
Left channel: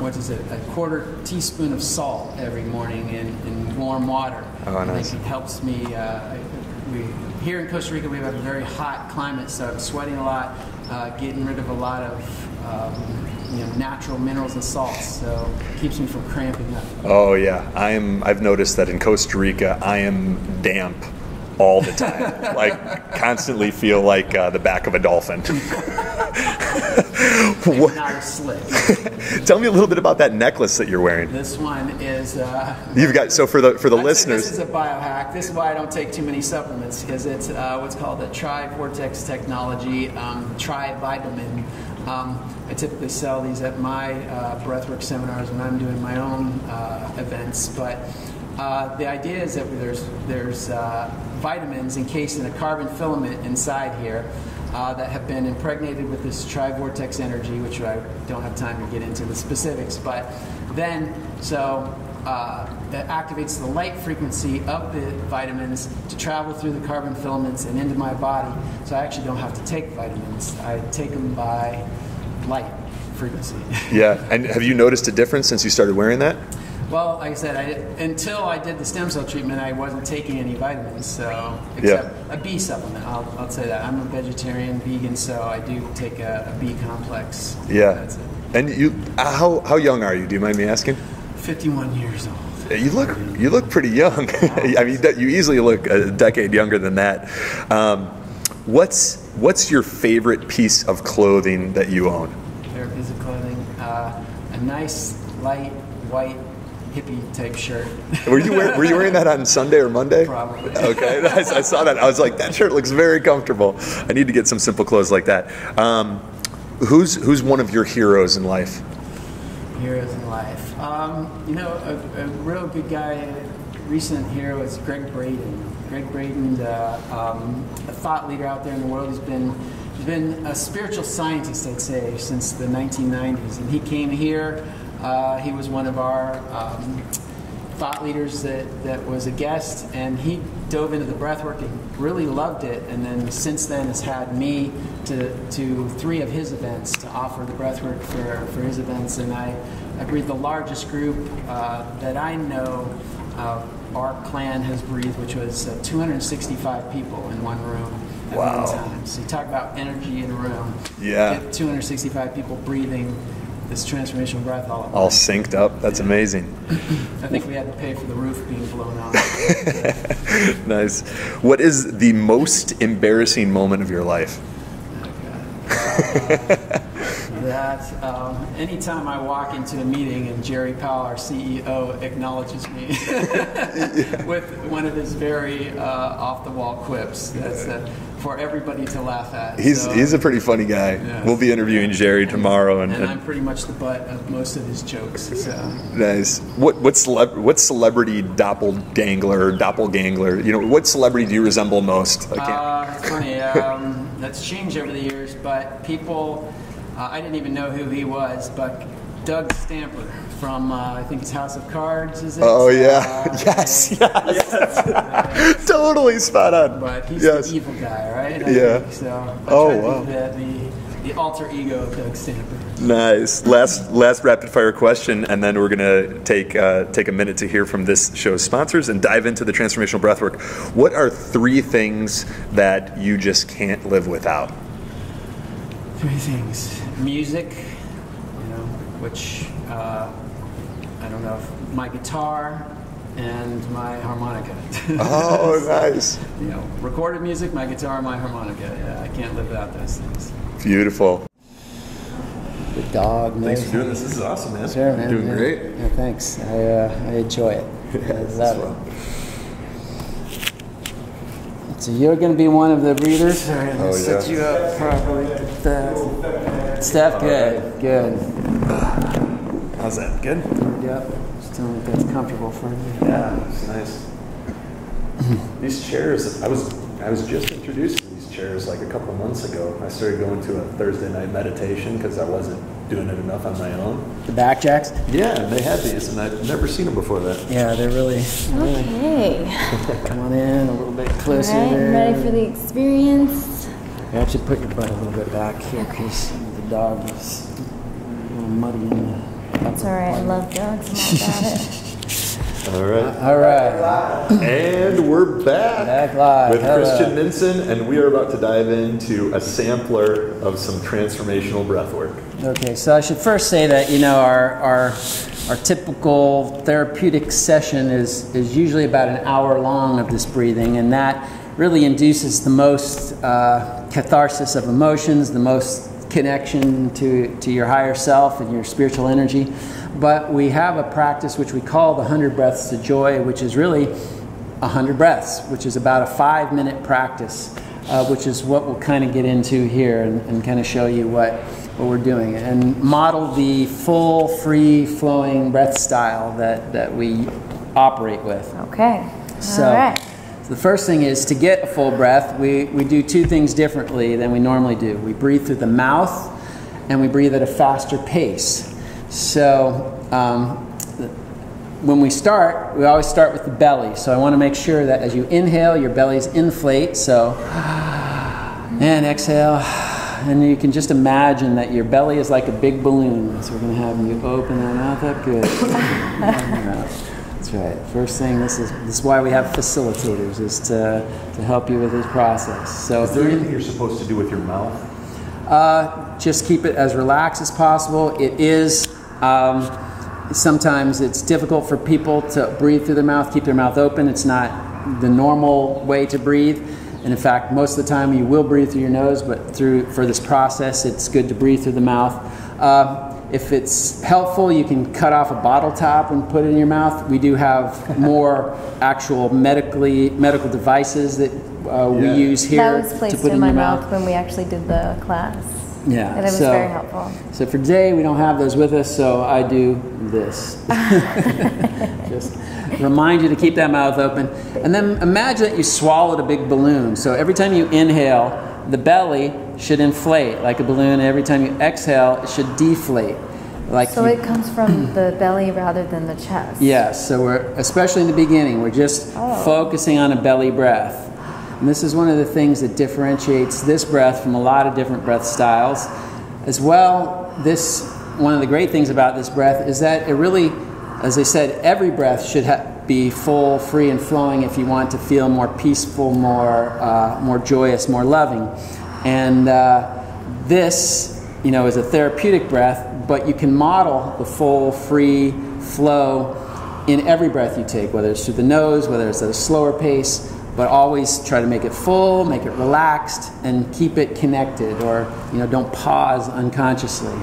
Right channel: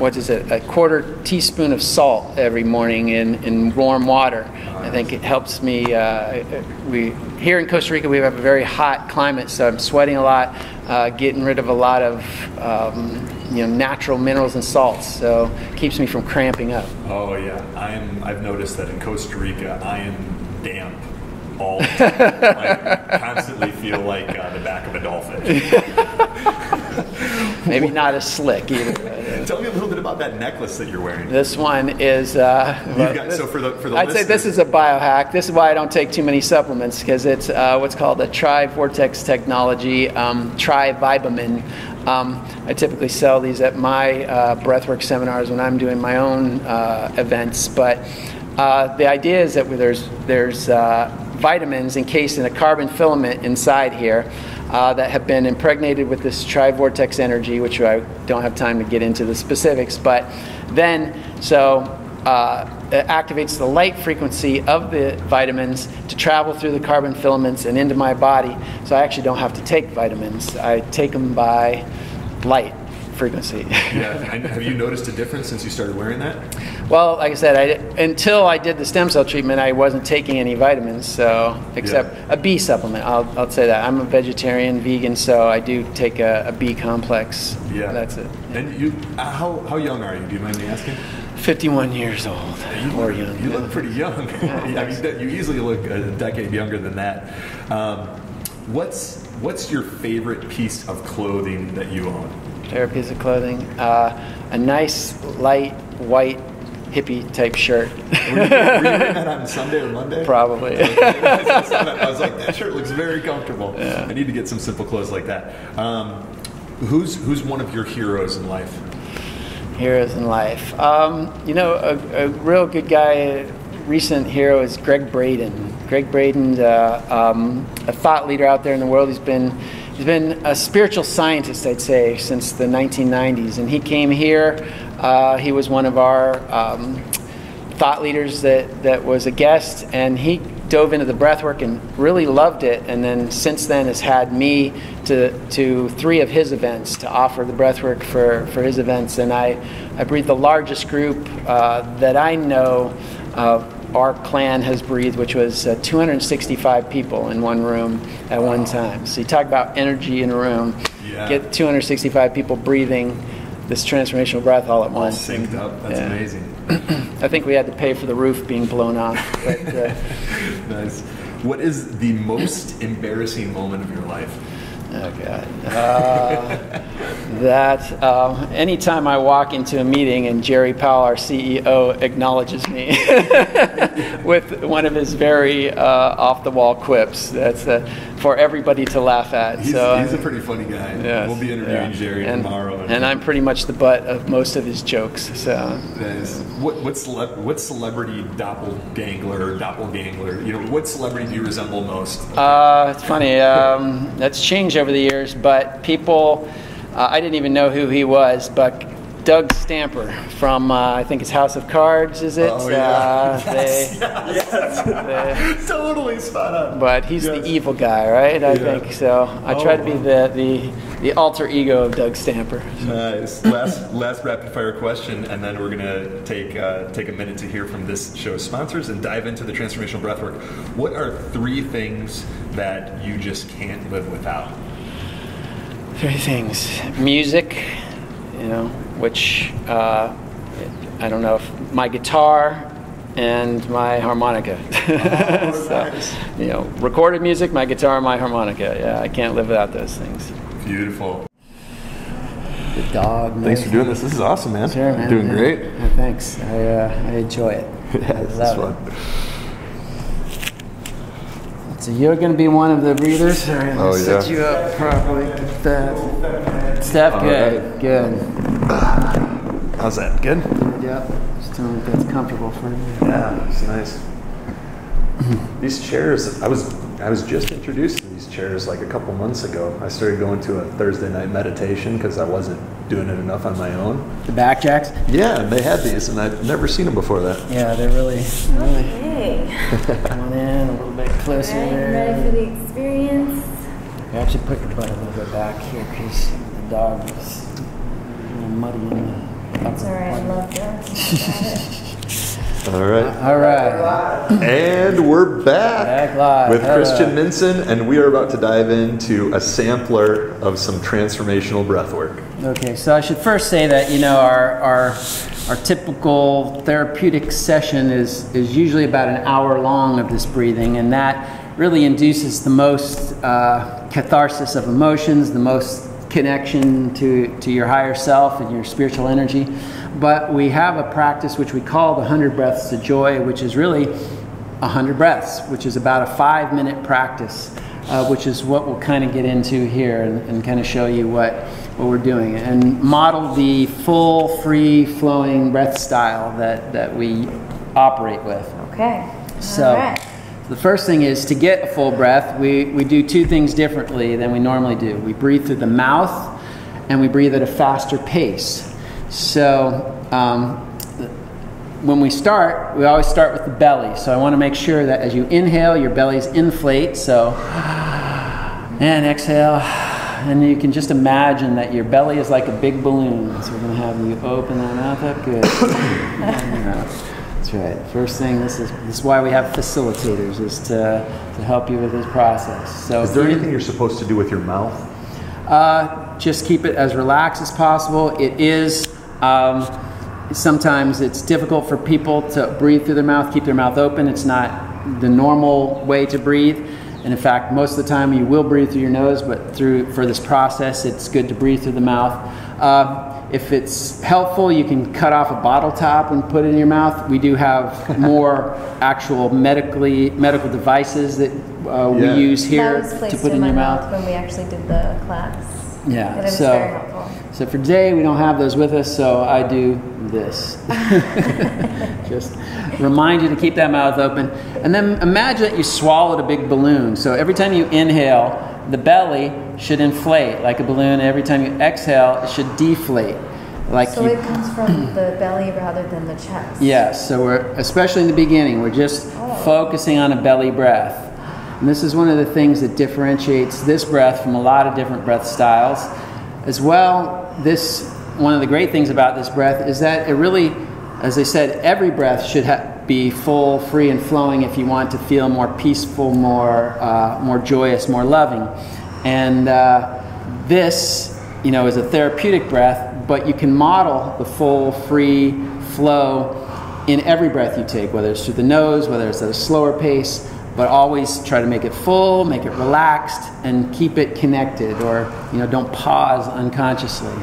a quarter teaspoon of salt every morning in warm water. Oh, nice. I think it helps me. We here in Costa Rica, we have a very hot climate, so I'm sweating a lot, getting rid of a lot of natural minerals and salts, so it keeps me from cramping up. Oh yeah, I've noticed that in Costa Rica I am damp all the time. Like, constantly feel like the back of a dolphin. Maybe not as slick either. Tell me a little bit about that necklace that you're wearing. This one is you've got, so for the I'd listeners, say this is a biohack. This is why I don't take too many supplements, because it's what's called a tri-vortex technology, tri-vibamin. I typically sell these at my breathwork seminars when I'm doing my own events, but the idea is that there's vitamins encased in a carbon filament inside here that have been impregnated with this tri-vortex energy, which I don't have time to get into the specifics, but then it activates the light frequency of the vitamins to travel through the carbon filaments and into my body, so I actually don't have to take vitamins. I take them by light frequency. Yeah, and have you noticed a difference since you started wearing that? Well, like I said, until I did the stem cell treatment, I wasn't taking any vitamins, except a B supplement. I'll say that. I'm a vegetarian, vegan, so I do take a B complex. Yeah. That's it. And you, how young are you? Do you mind me asking? 51 years old. You look pretty young. I mean, you easily look a decade younger than that. What's your favorite piece of clothing that you own? Favorite piece of clothing? A nice, light, white, hippie type shirt. Were you wearing that on Sunday or Monday? Probably. Okay, I saw that. I was like, that shirt looks very comfortable. I need to get some simple clothes like that. Who's one of your heroes in life? Heroes in life. A real good guy, a recent hero is Greg Braden. Greg Braden's a thought leader out there in the world. He's been a spiritual scientist, I'd say, since the 1990s, and he came here. He was one of our thought leaders that was a guest, and he dove into the breathwork and really loved it, and then since then has had me to 3 of his events to offer the breathwork for his events, and I breathe the largest group that I know our clan has breathed, which was 265 people in one room at one time. So you talk about energy in a room. Yeah. Get 265 people breathing this transformational breath all at once. All synced up. That's amazing. I think we had to pay for the roof being blown off. Nice. What is the most embarrassing moment of your life? Oh, God. that anytime I walk into a meeting and Jerry Powell, our CEO, acknowledges me with one of his very off-the-wall quips, that's for everybody to laugh at. He's a pretty funny guy. Yes, we'll be interviewing Jerry tomorrow. And I'm pretty much the butt of most of his jokes. So. Nice. What celebrity doppelganger, you know, what celebrity do you resemble most? It's funny. That's changed over the years, but people, I didn't even know who he was, but Doug Stamper from, I think it's House of Cards, is it? Oh, yeah. Yes. Totally spot on. But he's the evil guy, right? I think so. I try to be the alter ego of Doug Stamper. Nice. Last rapid fire question, and then we're going to take a minute to hear from this show's sponsors and dive into the transformational breathwork. What are 3 things that you just can't live without? 3 things. Music, you know, which I don't know, if my guitar and my harmonica. Oh, nice. You know, recorded music, my guitar, my harmonica. Yeah, I can't live without those things. Beautiful. The dog. Thanks for doing this. This is awesome, man. Sure, man. You're doing great. Yeah, thanks. I enjoy it. I love it. So you're going to be one of the breathers. All right, let's set you up properly. Get that. Steph, good. Good. How's that? Good? Yep. Just tell me if that's comfortable for you. Yeah, it's nice. These chairs, I was just introduced to these chairs like a couple months ago. I started going to a Thursday night meditation because I wasn't doing it enough on my own. The back jacks? Yeah, and they had these, and I'd never seen them before that. Yeah, they're really. Okay. Come on in a little bit closer All right, there. ready for the experience? You actually put your butt a little bit back here because the dog is a little muddy in the. It's all right. I love dogs. I got it. All right. All right. And we're back live. with Christian Minson, and we are about to dive into a sampler of some transformational breath work. Okay, so I should first say that, you know, our typical therapeutic session is usually about an hour long of this breathing, and that really induces the most catharsis of emotions, the most connection to your higher self and your spiritual energy. But we have a practice which we call the 100 Breaths to Joy, which is really 100 breaths, which is about a 5-minute practice, which is what we'll kind of get into here and kind of show you what we're doing and model the full, free-flowing breath style that we operate with. Okay. So, all right. The first thing is to get a full breath, we do 2 things differently than we normally do. We breathe through the mouth and we breathe at a faster pace. So when we start, we always start with the belly. So I want to make sure that as you inhale, your bellies inflate. So, and exhale. And you can just imagine that your belly is like a big balloon. So we're going to have you open that mouth up. Good. That's right. First thing, this is why we have facilitators, is to help you with this process. So is there anything you're supposed to do with your mouth? Just keep it as relaxed as possible. It is, sometimes it's difficult for people to breathe through their mouth, keep their mouth open. It's not the normal way to breathe. And in fact, most of the time you will breathe through your nose, but for this process, it's good to breathe through the mouth. If it's helpful, you can cut off a bottle top and put it in your mouth. We do have more actual medical devices that we use here that was placed to put in my your mouth when we actually did the class. Yeah, and it was very helpful. So for today, we don't have those with us, so I do this. Just remind you to keep that mouth open. And then imagine that you swallowed a big balloon. So every time you inhale, the belly should inflate like a balloon. Every time you exhale, it should deflate. So it comes from the belly rather than the chest. Yes, so especially in the beginning, we're just focusing on a belly breath. And this is one of the things that differentiates this breath from a lot of different breath styles. As well, one of the great things about this breath is that it really, as I said, every breath should be full, free, and flowing if you want to feel more peaceful, more joyous, more loving. And this, is a therapeutic breath, but you can model the full, free flow in every breath you take, whether it's through the nose, whether it's at a slower pace. But always try to make it full, make it relaxed, and keep it connected, or don't pause unconsciously.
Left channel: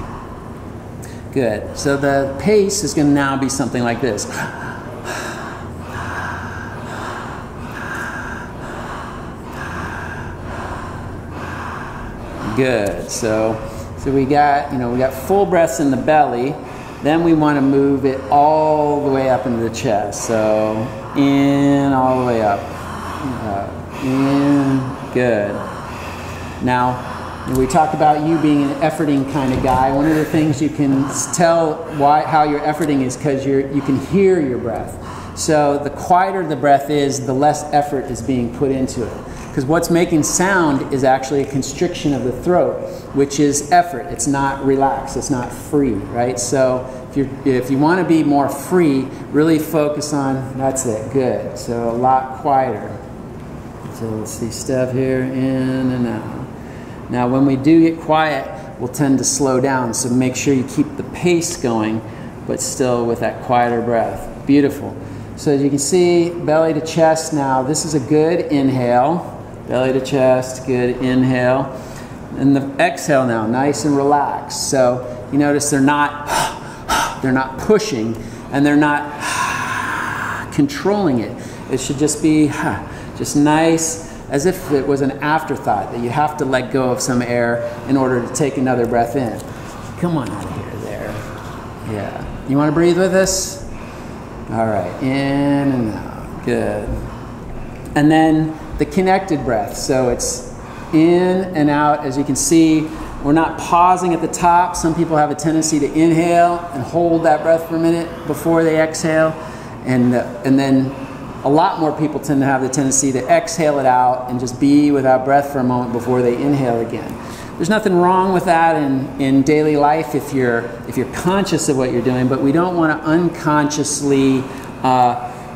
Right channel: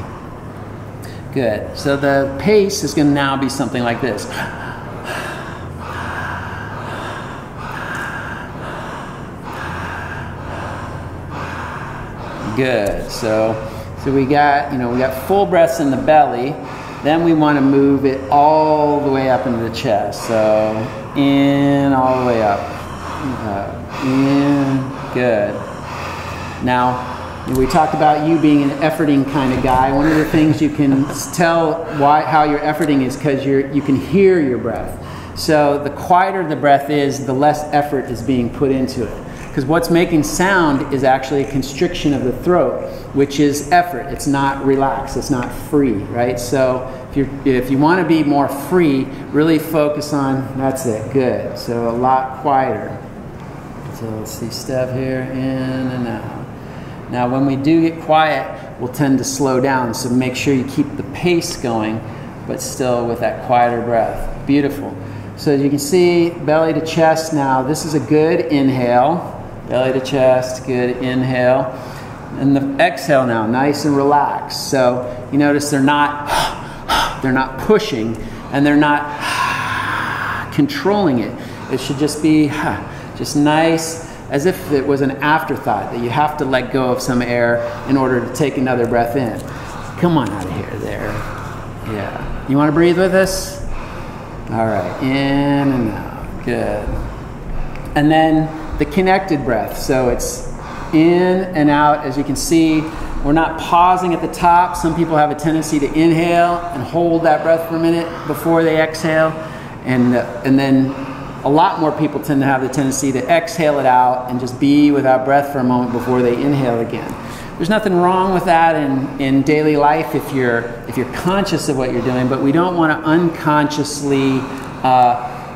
Good. So the pace is going to now be something like this. Good. So we got full breaths in the belly. Then we want to move it all the way up into the chest. So in, all the way up. In. Good. Now, we talked about you being an efforting kind of guy. One of the things you can tell how you're efforting is because you can hear your breath. So the quieter the breath is, the less effort is being put into it. Because what's making sound is actually a constriction of the throat, which is effort. It's not relaxed. It's not free, right? So if you want to be more free, really focus on, that's it, good. So a lot quieter. So let's see, step here, in and out. Now when we do get quiet, we'll tend to slow down. So make sure you keep the pace going, but still with that quieter breath. Beautiful. So as you can see, belly to chest now. This is a good inhale. Belly to chest, good inhale. And the exhale now, nice and relaxed. So you notice they're not pushing, and they're not controlling it. It should just be just nice, as if it was an afterthought, that you have to let go of some air in order to take another breath in. Come on out of here, there. Yeah. You want to breathe with us? All right, in and out, good. And then the connected breath. So it's in and out. As you can see, we're not pausing at the top. Some people have a tendency to inhale and hold that breath for a minute before they exhale. And then a lot more people tend to have the tendency to exhale it out and just be without breath for a moment before they inhale again. There's nothing wrong with that in daily life if you're conscious of what you're doing, but we don't want to unconsciously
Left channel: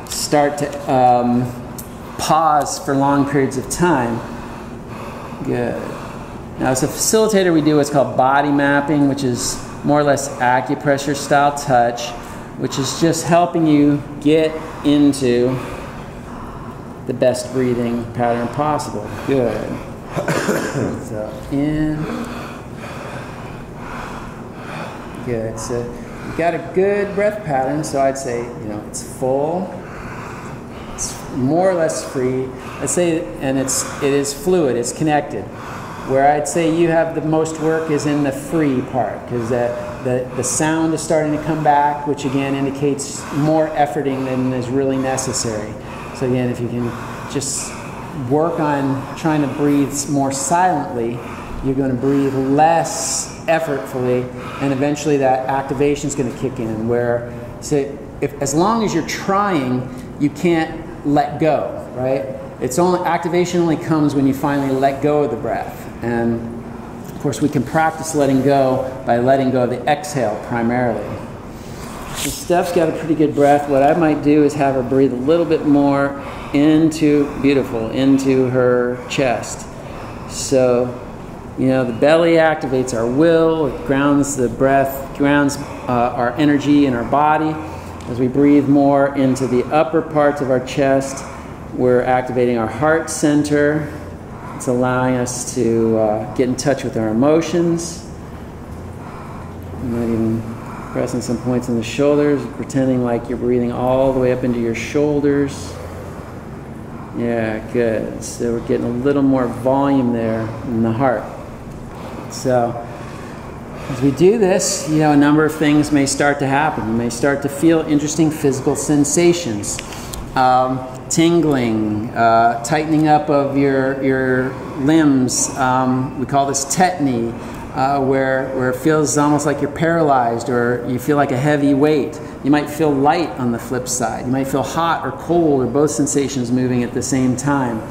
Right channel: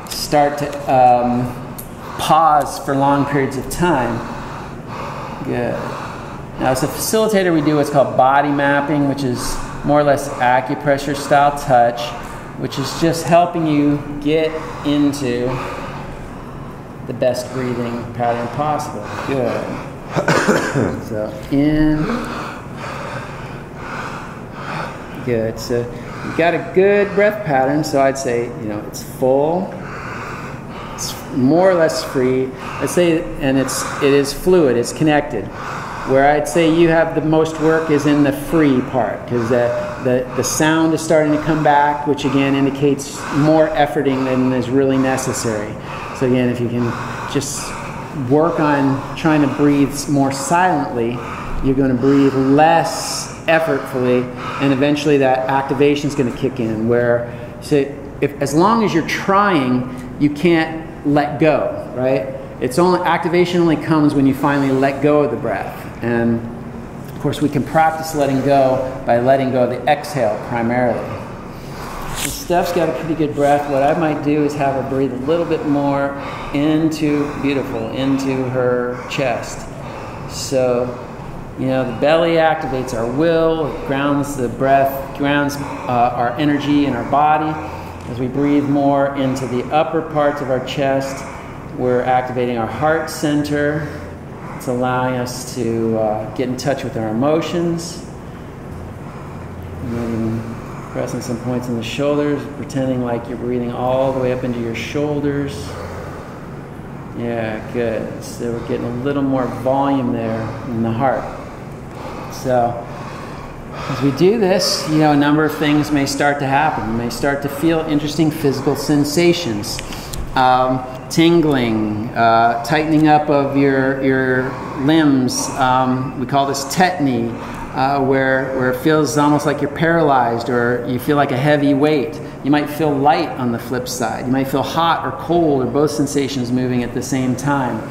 start to pause for long periods of time. Good. Now as a facilitator, we do what's called body mapping, which is more or less acupressure style touch, which is just helping you get into the best breathing pattern possible. Good. So in. Good. So you've got a good breath pattern. So I'd say, it's full. It's more or less free. I'd say, and it is fluid. It's connected. Where I'd say you have the most work is in the free part, because the sound is starting to come back, which again indicates more efforting than is really necessary. So again, if you can just work on trying to breathe more silently, you're going to breathe less effortfully, and eventually that activation is going to kick in. Where, so as long as you're trying, you can't let go, right? Activation only comes when you finally let go of the breath. And of course we can practice letting go by letting go of the exhale primarily. So Steph's got a pretty good breath. What I might do is have her breathe a little bit more into her chest. So, the belly activates our will, it grounds the breath, grounds our energy in our body. As we breathe more into the upper parts of our chest, we're activating our heart center. It's allowing us to get in touch with our emotions. You might even pressing some points in the shoulders, pretending like you're breathing all the way up into your shoulders. Yeah, good. So we're getting a little more volume there in the heart. So as we do this, a number of things may start to happen. You may start to feel interesting physical sensations. Tingling, tightening up of your limbs. We call this tetany, where it feels almost like you're paralyzed, or you feel like a heavy weight. You might feel light on the flip side. You might feel hot or cold, or both sensations moving at the same time.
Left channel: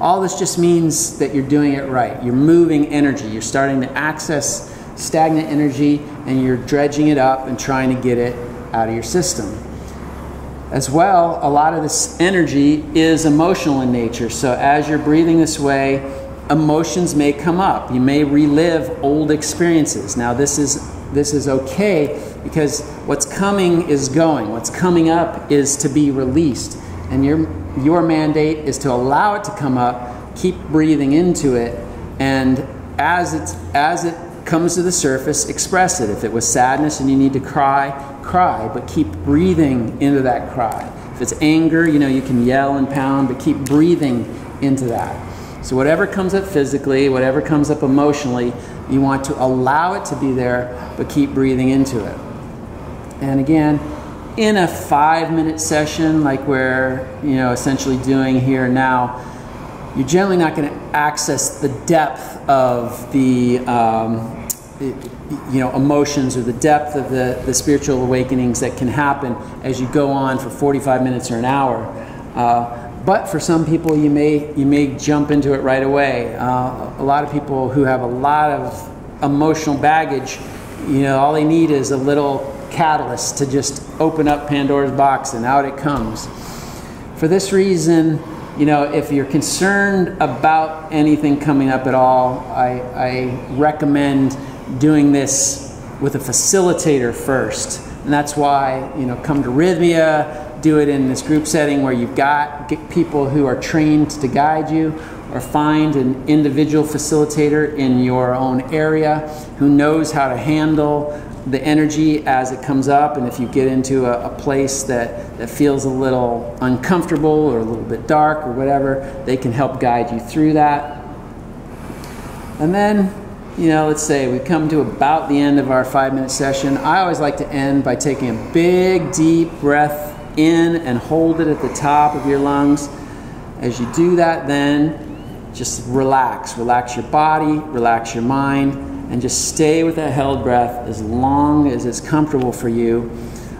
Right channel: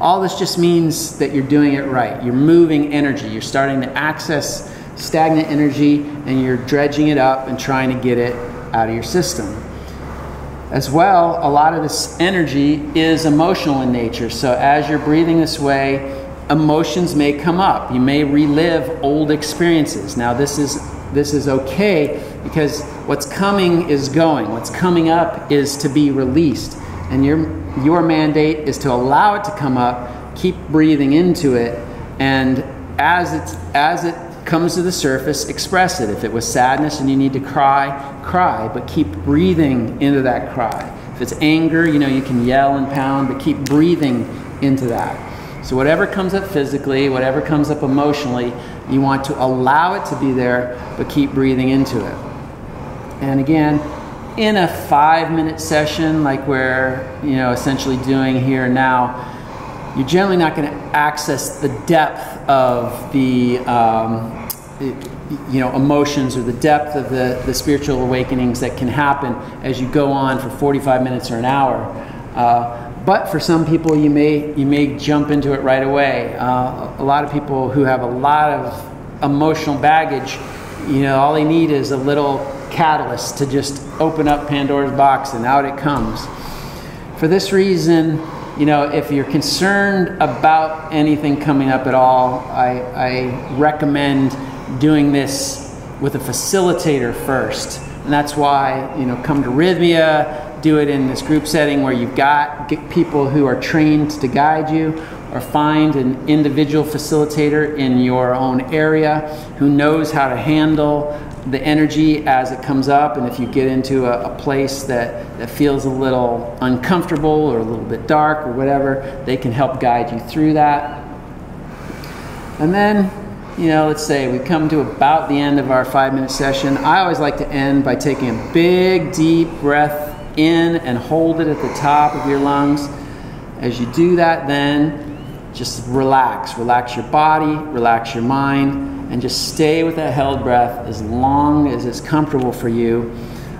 All this just means that you're doing it right. You're moving energy. You're starting to access stagnant energy, and you're dredging it up and trying to get it out of your system. As well, a lot of this energy is emotional in nature. So as you're breathing this way, emotions may come up. You may relive old experiences. Now this is okay, because what's coming is going. What's coming up is to be released. And your mandate is to allow it to come up, keep breathing into it, and as it comes to the surface, express it. If it was sadness and you need to cry, cry, but keep breathing into that cry. If it's anger, you can yell and pound, but keep breathing into that. So whatever comes up physically, whatever comes up emotionally, you want to allow it to be there, but keep breathing into it. And again, in a 5-minute session like we're essentially doing here now, you're generally not going to access the depth of the emotions or the depth of the spiritual awakenings that can happen as you go on for 45 minutes or an hour. But for some people, you may jump into it right away. A lot of people who have a lot of emotional baggage, all they need is a little catalyst to just open up Pandora's box and out it comes. For this reason, if you're concerned about anything coming up at all, I recommend doing this with a facilitator first. And that's why, come to Rhythmia, do it in this group setting where you've got people who are trained to guide you, or find an individual facilitator in your own area who knows how to handle the energy as it comes up. And if you get into a place that feels a little uncomfortable or a little bit dark or whatever, they can help guide you through that. And then, let's say we come to about the end of our 5-minute session. I always like to end by taking a big, deep breath in and hold it at the top of your lungs. As you do that, then just relax your body, relax your mind, and just stay with that held breath as long as it's comfortable for you.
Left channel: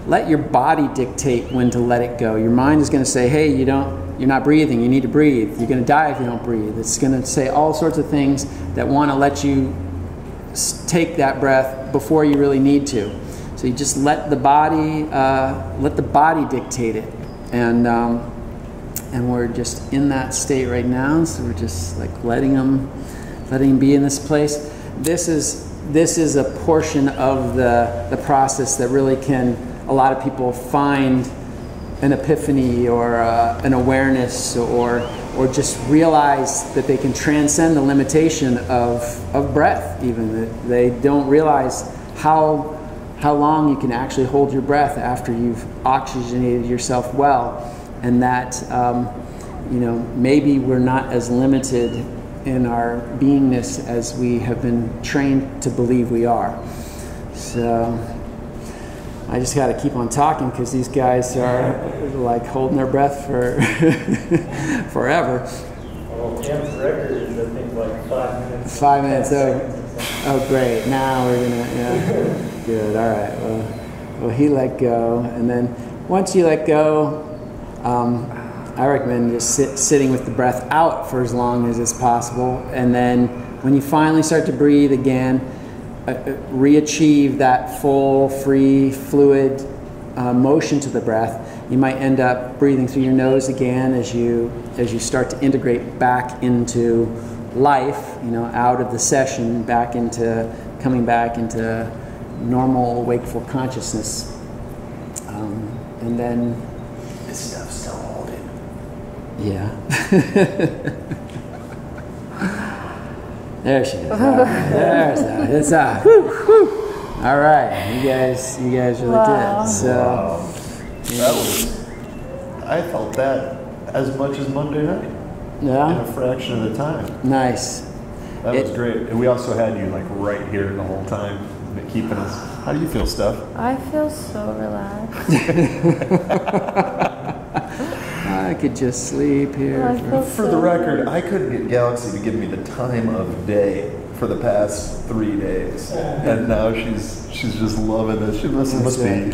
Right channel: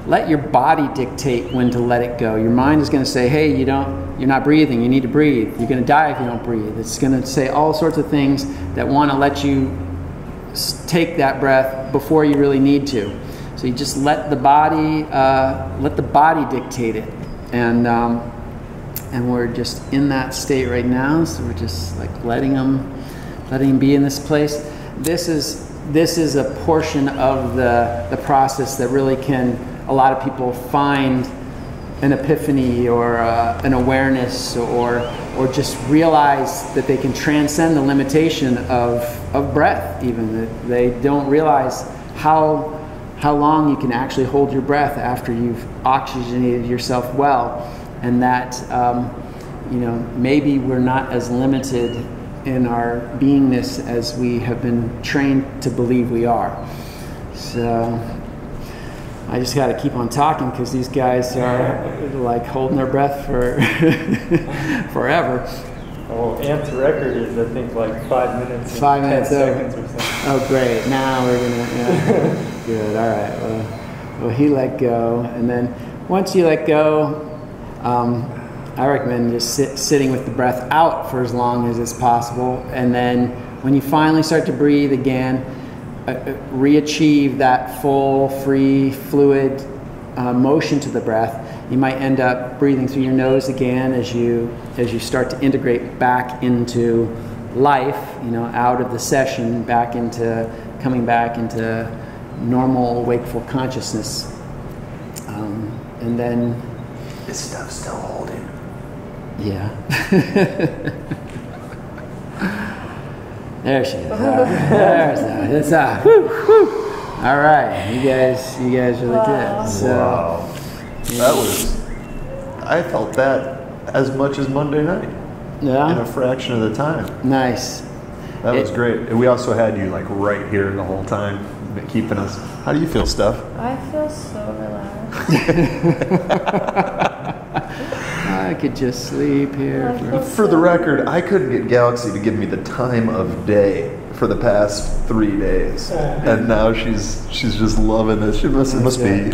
Let your body dictate when to let it go. Your mind is going to say, hey, you're not breathing, you need to breathe. You're going to die if you don't breathe. It's going to say all sorts of things that want to let you take that breath before you really need to. So you just let the body dictate it. And we're just in that state right now. So we're just like letting them be in this place. This is a portion of the process that really can, a lot of people find an epiphany or an awareness or just realize that they can transcend the limitation of breath even. That they don't realize how long you can actually hold your breath after you've oxygenated yourself well. And that, maybe we're not as limited in our beingness as we have been trained to believe we are. So I just got to keep on talking because these guys are like holding their breath for forever. Well, Amp's record is, I think, like 5 minutes. 5 minutes. Seconds. Oh, great. Now we're going to, good. All right. Well, he let go. And then once you let go, I recommend just sitting with the breath out for as long as it's possible. And then when you finally start to breathe again, re-achieve that full, free, fluid motion to the breath. You might end up breathing through your nose again as you start to integrate back into life, out of the session, coming back into normal wakeful consciousness. And then This stuff's still holding. Yeah. There she is. All right. There's that. It's out. Whew, whew. All right. You guys really did. So, wow. I felt that as much as Monday night. Yeah. In a fraction of the time. Nice. That was great. And we also had you like right here the whole time, keeping us. How do you feel, Steph? I feel so relaxed. I could just sleep here. For the record, I couldn't get Galaxy to give me the time of day for the past 3 days, and now she's just loving this. She must be you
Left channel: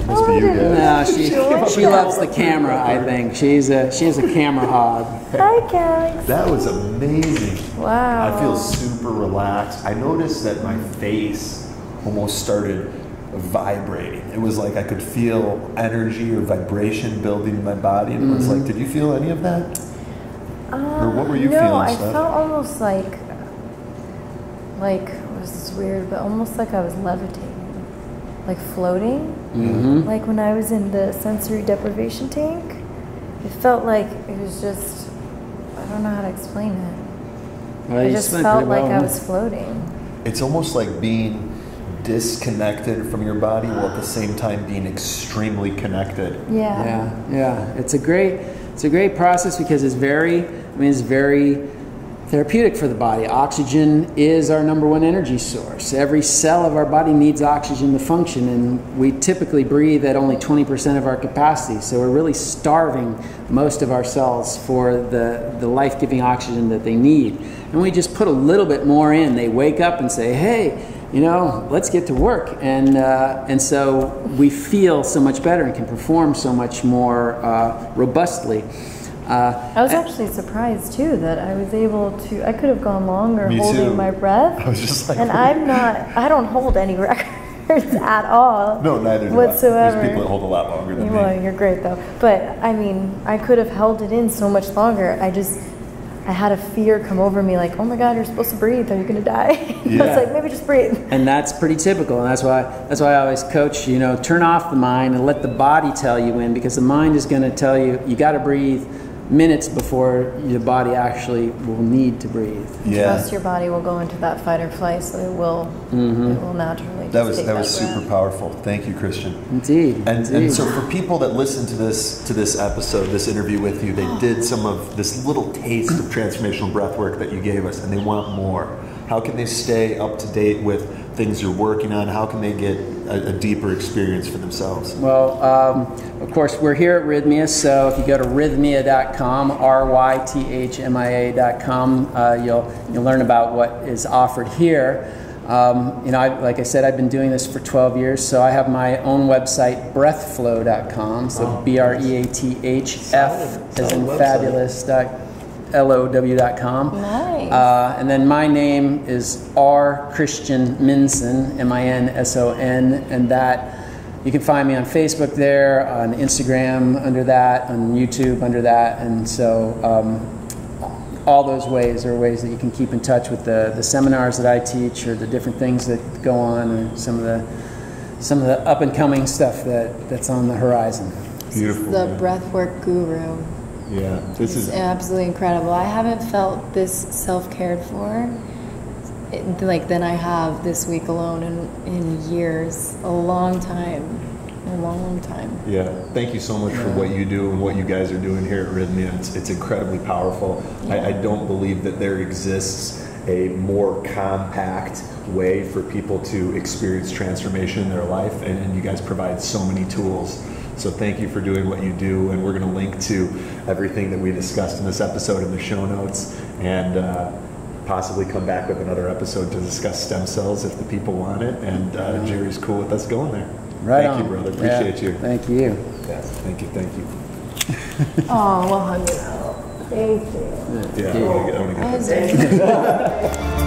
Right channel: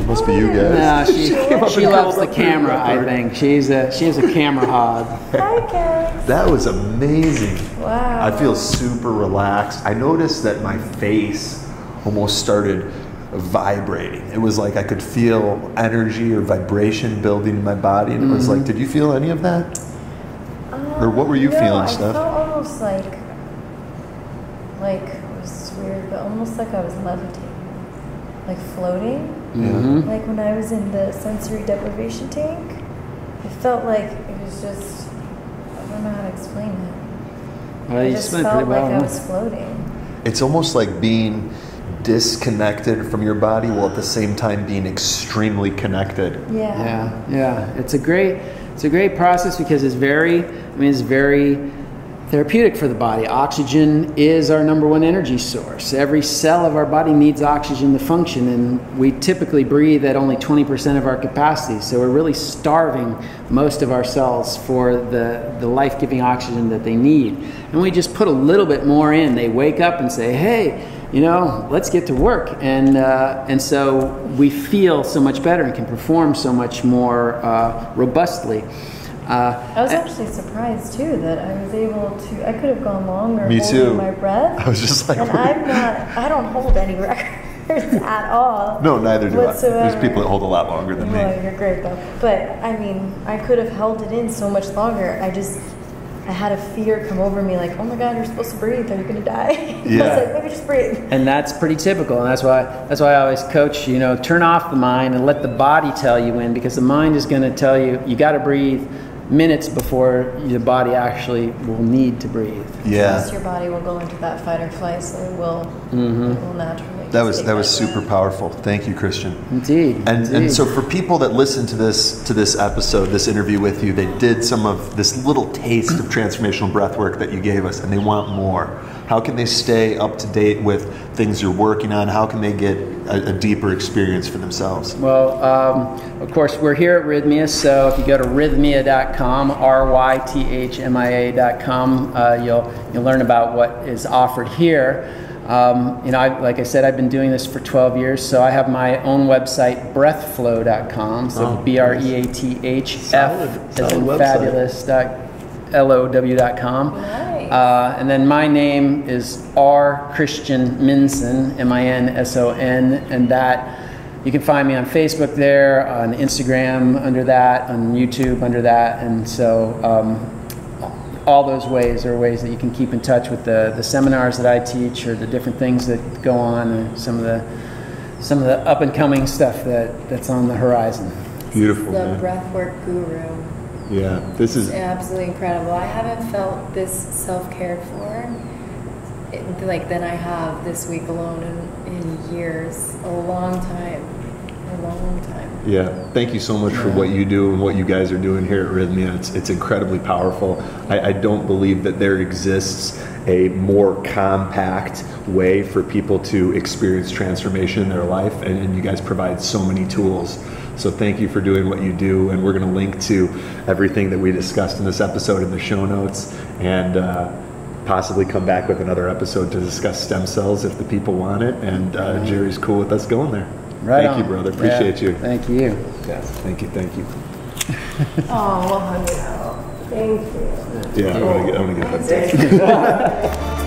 guys. No, she loves the camera. I think she's a camera hog. Hi, Galaxy. That was amazing. Wow. I feel super relaxed. I noticed that my face almost started vibrating. It was like I could feel energy or vibration building in my body, and it was like, did you feel any of that? Or what were you feeling, Steph? I felt almost like it was weird, but almost like I was levitating, like floating. Mm-hmm. Like when I was in the sensory deprivation tank, it felt like it was just, I don't know how to explain it. Well, I you just explained felt pretty like well. I was floating. It's almost like being disconnected from your body while at the same time being extremely connected. Yeah. It's a great process because it's very therapeutic for the body. Oxygen is our number one energy source. Every cell of our body needs oxygen to function, and we typically breathe at only 20% of our capacity. So we're really starving most of our cells for the life-giving oxygen that they need. And we just put a little bit more in. They wake up and say, hey, let's get to work. And so we feel so much better and can perform so much more robustly. I was actually surprised too that I was able to. I could have gone longer Me holding too. my breath. I was just like, and I don't hold any records at all. No, neither do whatsoever. I. There's people that hold a lot longer than Well, me. you're great though. But I mean, I could have held it in so much longer. I had a fear come over me, like, oh my God, you're supposed to breathe. Are you going to die? Yeah. I was like, maybe just breathe. And that's pretty typical, and that's why I always coach, turn off the mind and let the body tell you when, because the mind is going to tell you got to breathe minutes before your body actually will need to breathe. Yeah. Plus, your body will go into that fight or flight, so it will naturally. That was take super breath. powerful. Thank you, Christian. Indeed. And so for people that listen to this episode, this interview with you, they did some of this little taste of transformational breath work that you gave us, and they want more. How can they stay up to date with things you're working on? How can they get a deeper experience for themselves? Well, of course, we're here at Rhythmia, so if you go to rhythmia.com, rythmia.com, you'll learn about what is offered here. Like I said, I've been doing this for 12 years, so I have my own website, breathflow.com, so BREATHF as in fabulous.low.com. Nice. And then my name is R. Christian Minson, Minson, and that you can find me on Facebook there, on Instagram under that, on YouTube under that, and so all those ways are ways that you can keep in touch with the seminars that I teach, or the different things that go on, or some of the up and coming stuff that's on the horizon. Beautiful. The man. Breathwork guru. Yeah, this is Absolutely incredible. I haven't felt this self-cared for than I have this week alone in years. A long time. Yeah, thank you so much for what you do and what you guys are doing here at Rhythmia. It's incredibly powerful. I don't believe that there exists a more compact way for people to experience transformation in their life, and you guys provide so many tools. So thank you for doing what you do, and we're going to link to everything that we discussed in this episode in the show notes, and possibly come back with another episode to discuss stem cells if the people want it, and Jerry's cool with us going there. Right Thank on. you, brother. Appreciate you. Thank you. Yes, thank you. Oh, we'll hug it out. Thank you. Yeah, I want to get Thank you.